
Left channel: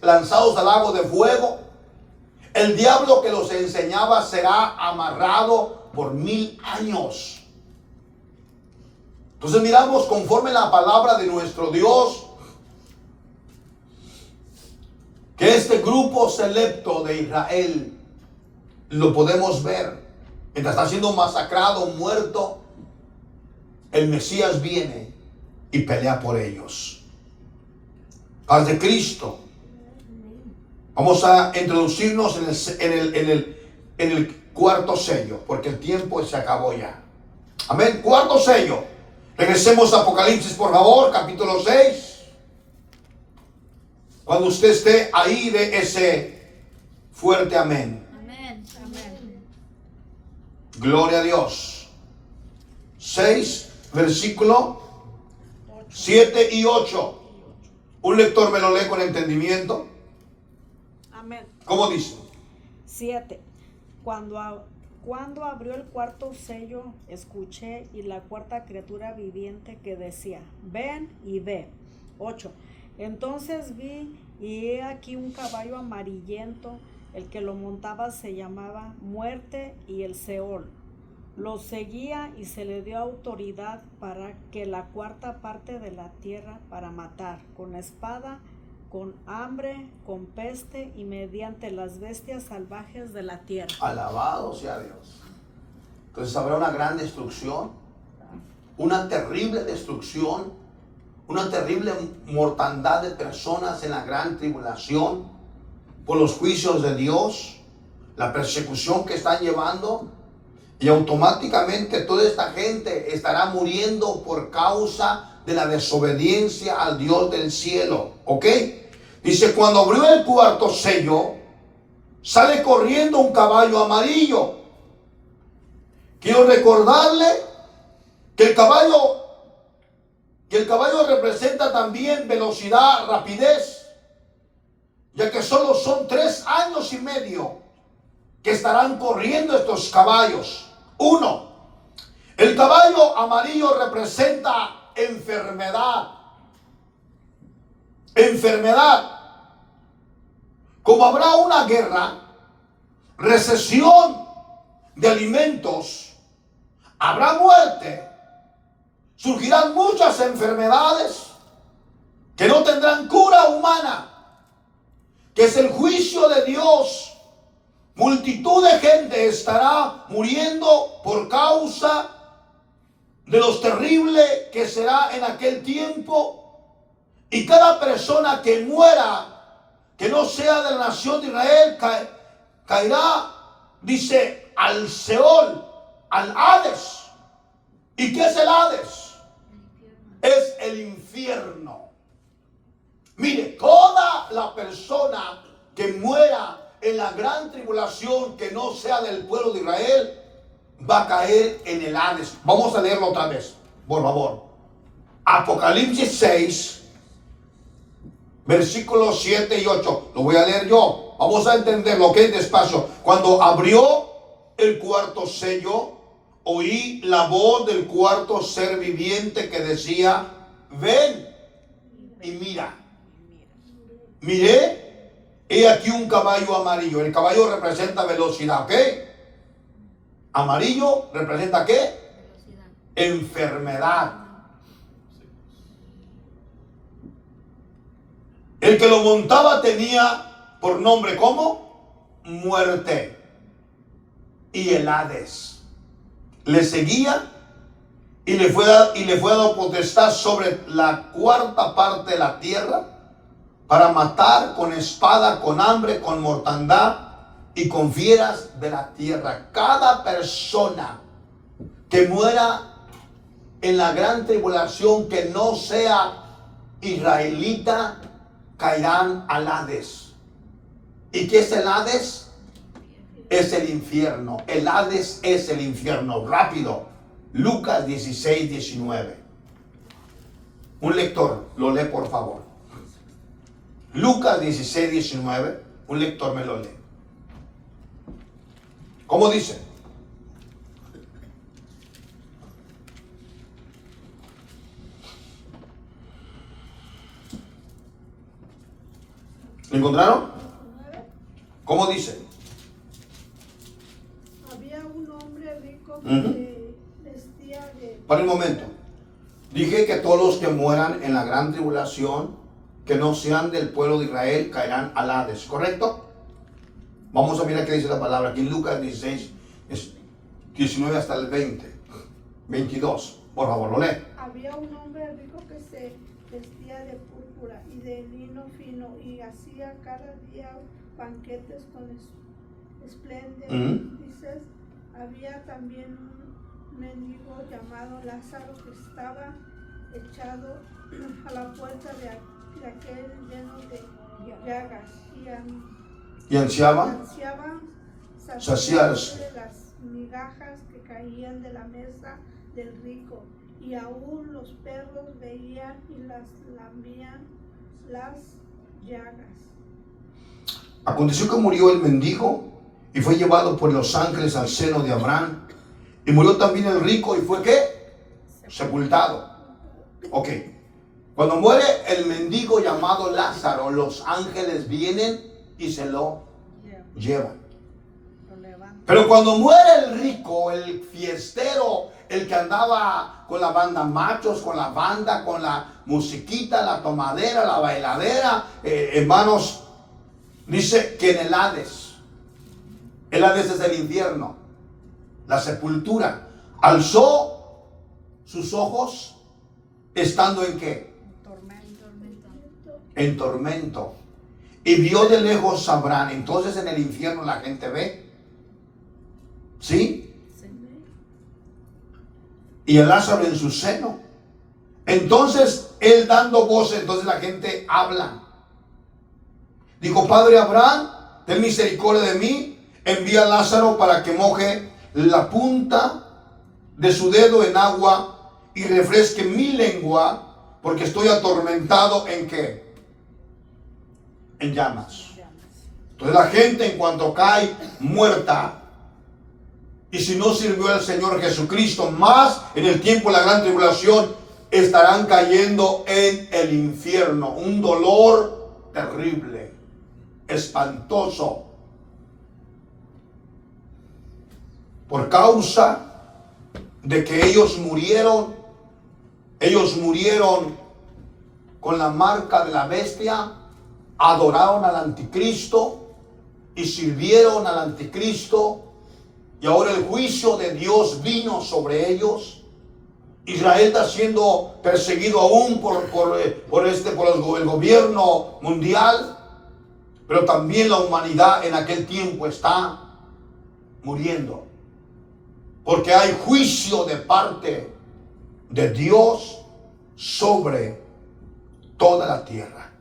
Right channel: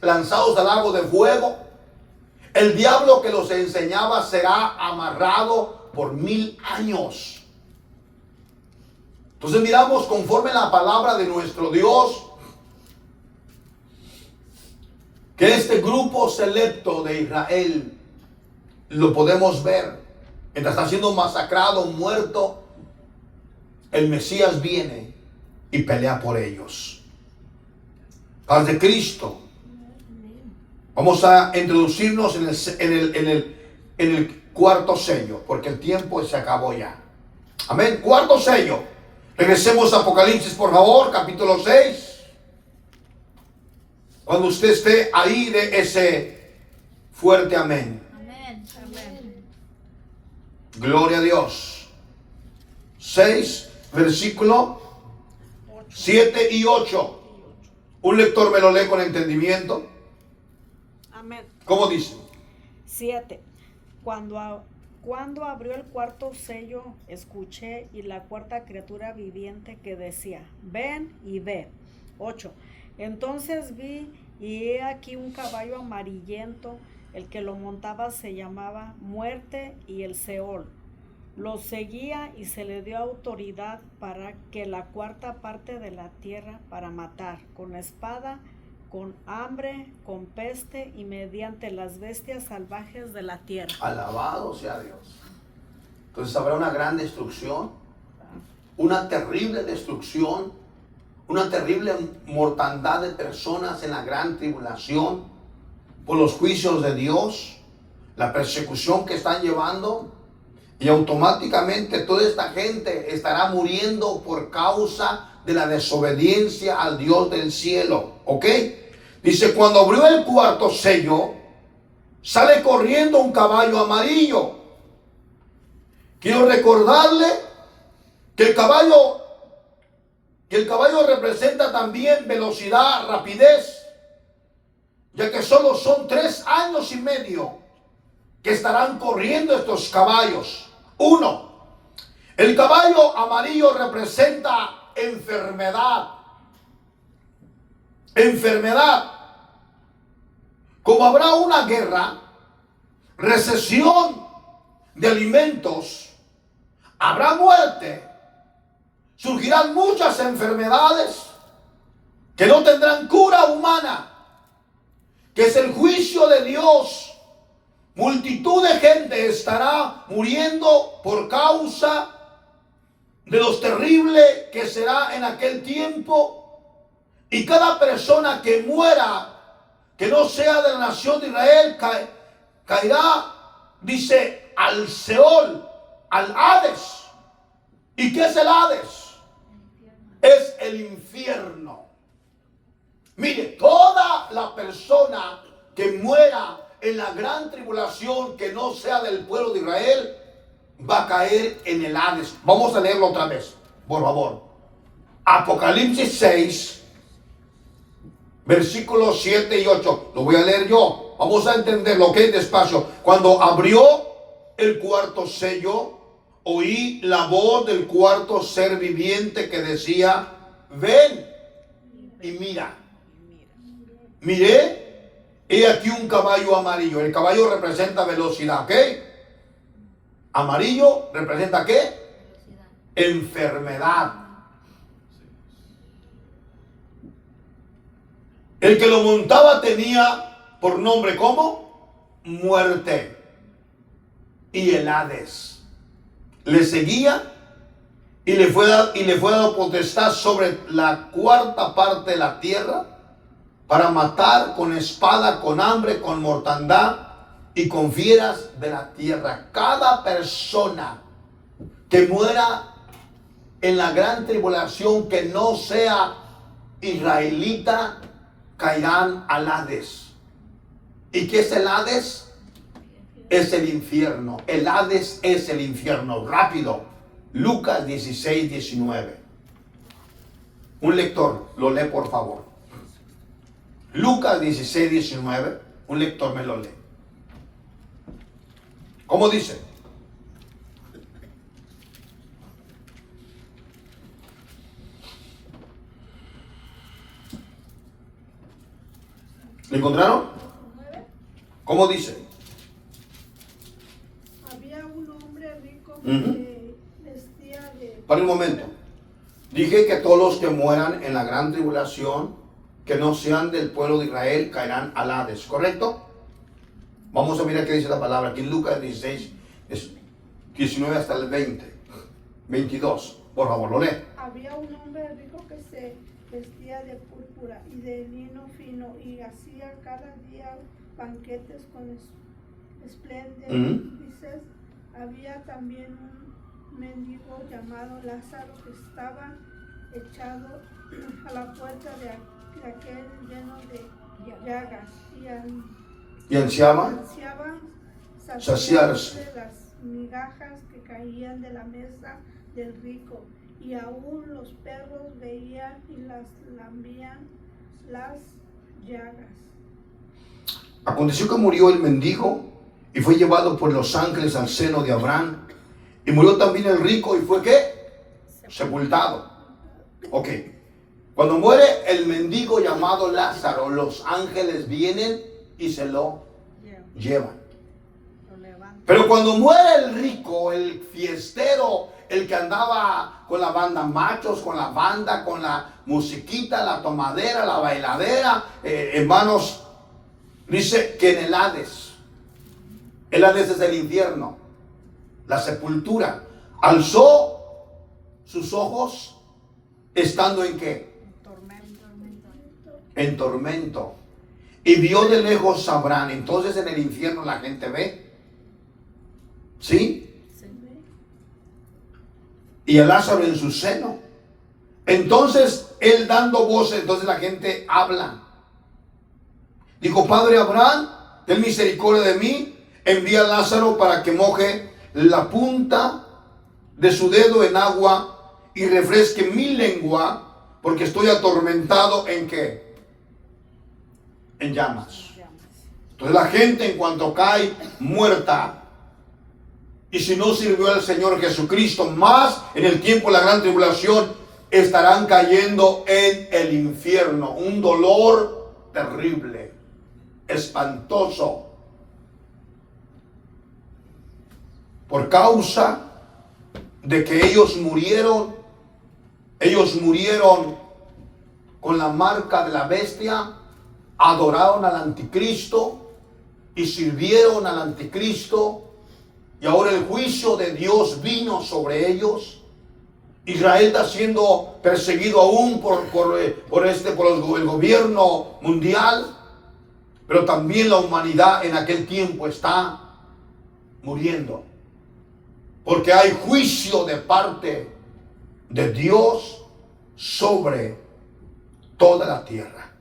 lanzados al lago de fuego. El diablo que los enseñaba será amarrado por 1000 años. Entonces miramos conforme la palabra de nuestro Dios, que este grupo selecto de Israel lo podemos ver. Mientras está siendo masacrado, muerto, el Mesías viene y pelea por ellos. Paz de Cristo. Vamos a introducirnos en el cuarto sello, porque el tiempo se acabó ya. Amén. Cuarto sello. Regresemos a Apocalipsis, por favor, capítulo 6. Cuando usted esté ahí, de ese fuerte amén. Amén. Amén. Gloria a Dios. 6, versículo 7 y 8. Un lector me lo lee con entendimiento. Amén. ¿Cómo dice? 7. Cuando abrió el cuarto sello, escuché y la cuarta criatura viviente que decía: ven y ve. 8. Entonces vi y he aquí un caballo amarillento, el que lo montaba se llamaba Muerte y el Seol. Lo seguía y se le dio autoridad para que la cuarta parte de la tierra, para matar con espada, con hambre, con peste y mediante las bestias salvajes de la tierra. Alabado sea Dios. Entonces habrá una gran destrucción, una terrible destrucción, una terrible mortandad de personas en la gran tribulación por los juicios de Dios, la persecución que están llevando. Y automáticamente toda esta gente estará muriendo por causa de la desobediencia al Dios del cielo. ¿Ok? Dice: cuando abrió el cuarto sello, sale corriendo un caballo amarillo. Quiero recordarle que el caballo representa también velocidad, rapidez, ya que solo son 3 años y medio que estarán corriendo estos caballos. 1. El caballo amarillo representa enfermedad. Enfermedad. como habrá una guerra, recesión de alimentos, habrá muerte, surgirán muchas enfermedades que no tendrán cura humana, que es el juicio de Dios. Multitud de gente estará muriendo por causa de lo terrible que será en aquel tiempo. Y cada persona que muera, que no sea de la nación de Israel, caerá, dice, al Seol, al Hades. ¿Y qué es el Hades? Es el infierno. Mire, toda la persona que muera en la gran tribulación, que no sea del pueblo de Israel, va a caer en el Hades. Vamos a leerlo otra vez, por favor. Apocalipsis 6, versículos 7 y 8. Lo voy a leer yo. Vamos a entenderlo, ok, despacio. Cuando abrió el cuarto sello, oí la voz del cuarto ser viviente que decía: ven y mira. Miré, he aquí un caballo amarillo. El caballo representa velocidad, ¿ok? Amarillo representa ¿qué? Velocidad. Enfermedad. El que lo montaba tenía por nombre ¿cómo? Muerte y el Hades. Le seguía y le fue dado potestad sobre la cuarta parte de la tierra, para matar con espada, con hambre, con mortandad y con fieras de la tierra. Cada persona que muera en la gran tribulación, que no sea israelita, caerán al Hades. ¿Y qué es el Hades? Es el infierno. El Hades es el infierno. Rápido. Lucas 16, 19. Un lector, lo lee por favor. Lucas 16, 19, un lector me lo lee. ¿Cómo dice? ¿Lo encontraron? ¿Cómo dice? Había un hombre rico que vestía de... Para un momento. Dije que todos los que mueran en la gran tribulación, que no sean del pueblo de Israel, caerán al Hades, ¿correcto? Vamos a mirar qué dice la palabra aquí en Lucas 16, 19 hasta el 20, 22. Por favor, lo lee. Había un hombre rico que se vestía de púrpura y de lino fino y hacía cada día banquetes con esplendor. Dices, había también un mendigo llamado Lázaro que estaba echado a la puerta de aquel lleno de llagas y ansiaban saciarse de las migajas que caían de la mesa del rico, y aún los perros veían y las lambían las llagas. Aconteció que murió el mendigo y fue llevado por los ángeles al seno de Abraham, y murió también el rico y fue ¿qué? Sepultado. Ok. Cuando muere el mendigo llamado Lázaro, los ángeles vienen y se lo llevan. Pero cuando muere el rico, el fiestero, el que andaba con la banda machos, con la banda, con la musiquita, la tomadera, la bailadera, hermanos, dice que en el Hades es el infierno, la sepultura, alzó sus ojos estando en ¿qué? En tormento. Y vio de lejos a Abraham. Entonces en el infierno la gente ve. ¿Sí? Y a Lázaro en su seno. Entonces él dando voces, entonces la gente habla. Dijo: Padre Abraham, ten misericordia de mí. Envía a Lázaro para que moje la punta de su dedo en agua y refresque mi lengua, porque estoy atormentado ¿en qué? En llamas. Entonces la gente en cuanto cae muerta, y si no sirvió al Señor Jesucristo, más en el tiempo de la gran tribulación, estarán cayendo en el infierno. Un dolor terrible. espantoso. Por causa de que ellos murieron con la marca de la bestia, adoraron al anticristo y sirvieron al anticristo, y ahora el juicio de Dios vino sobre ellos. Israel está siendo perseguido aún por el gobierno mundial, pero también la humanidad en aquel tiempo está muriendo, porque hay juicio de parte de Dios sobre toda la tierra.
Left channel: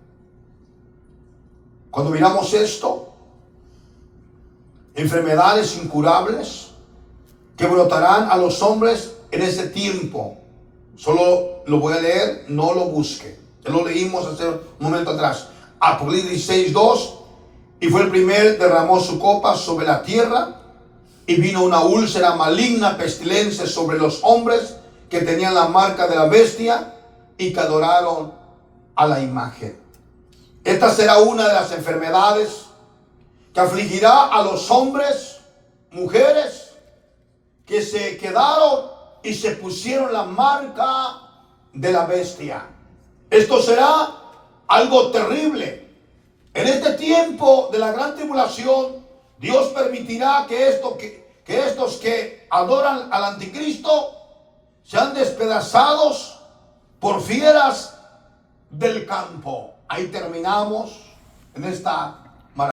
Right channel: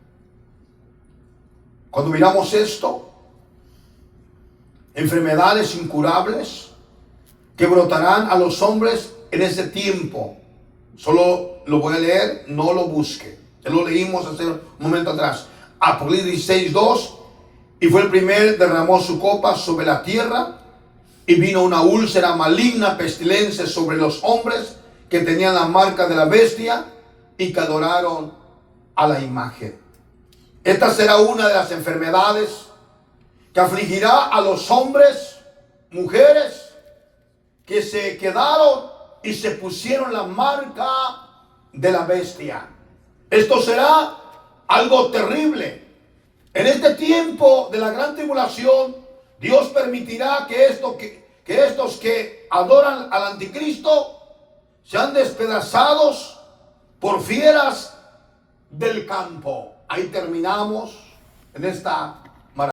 Cuando miramos esto, enfermedades incurables que brotarán a los hombres en ese tiempo. Solo lo voy a leer, no lo busque. Ya lo leímos hace un momento atrás. Apocalipsis 16:2. Y fue el primer, derramó su copa sobre la tierra, y vino una úlcera maligna, pestilencia sobre los hombres que tenían la marca de la bestia y que adoraron a la imagen. Esta será una de las enfermedades que afligirá a los hombres, mujeres, que se quedaron y se pusieron la marca de la bestia. Esto será algo terrible. En este tiempo de la gran tribulación, Dios permitirá que estos que adoran al anticristo sean despedazados por fieras del campo. Ahí terminamos en esta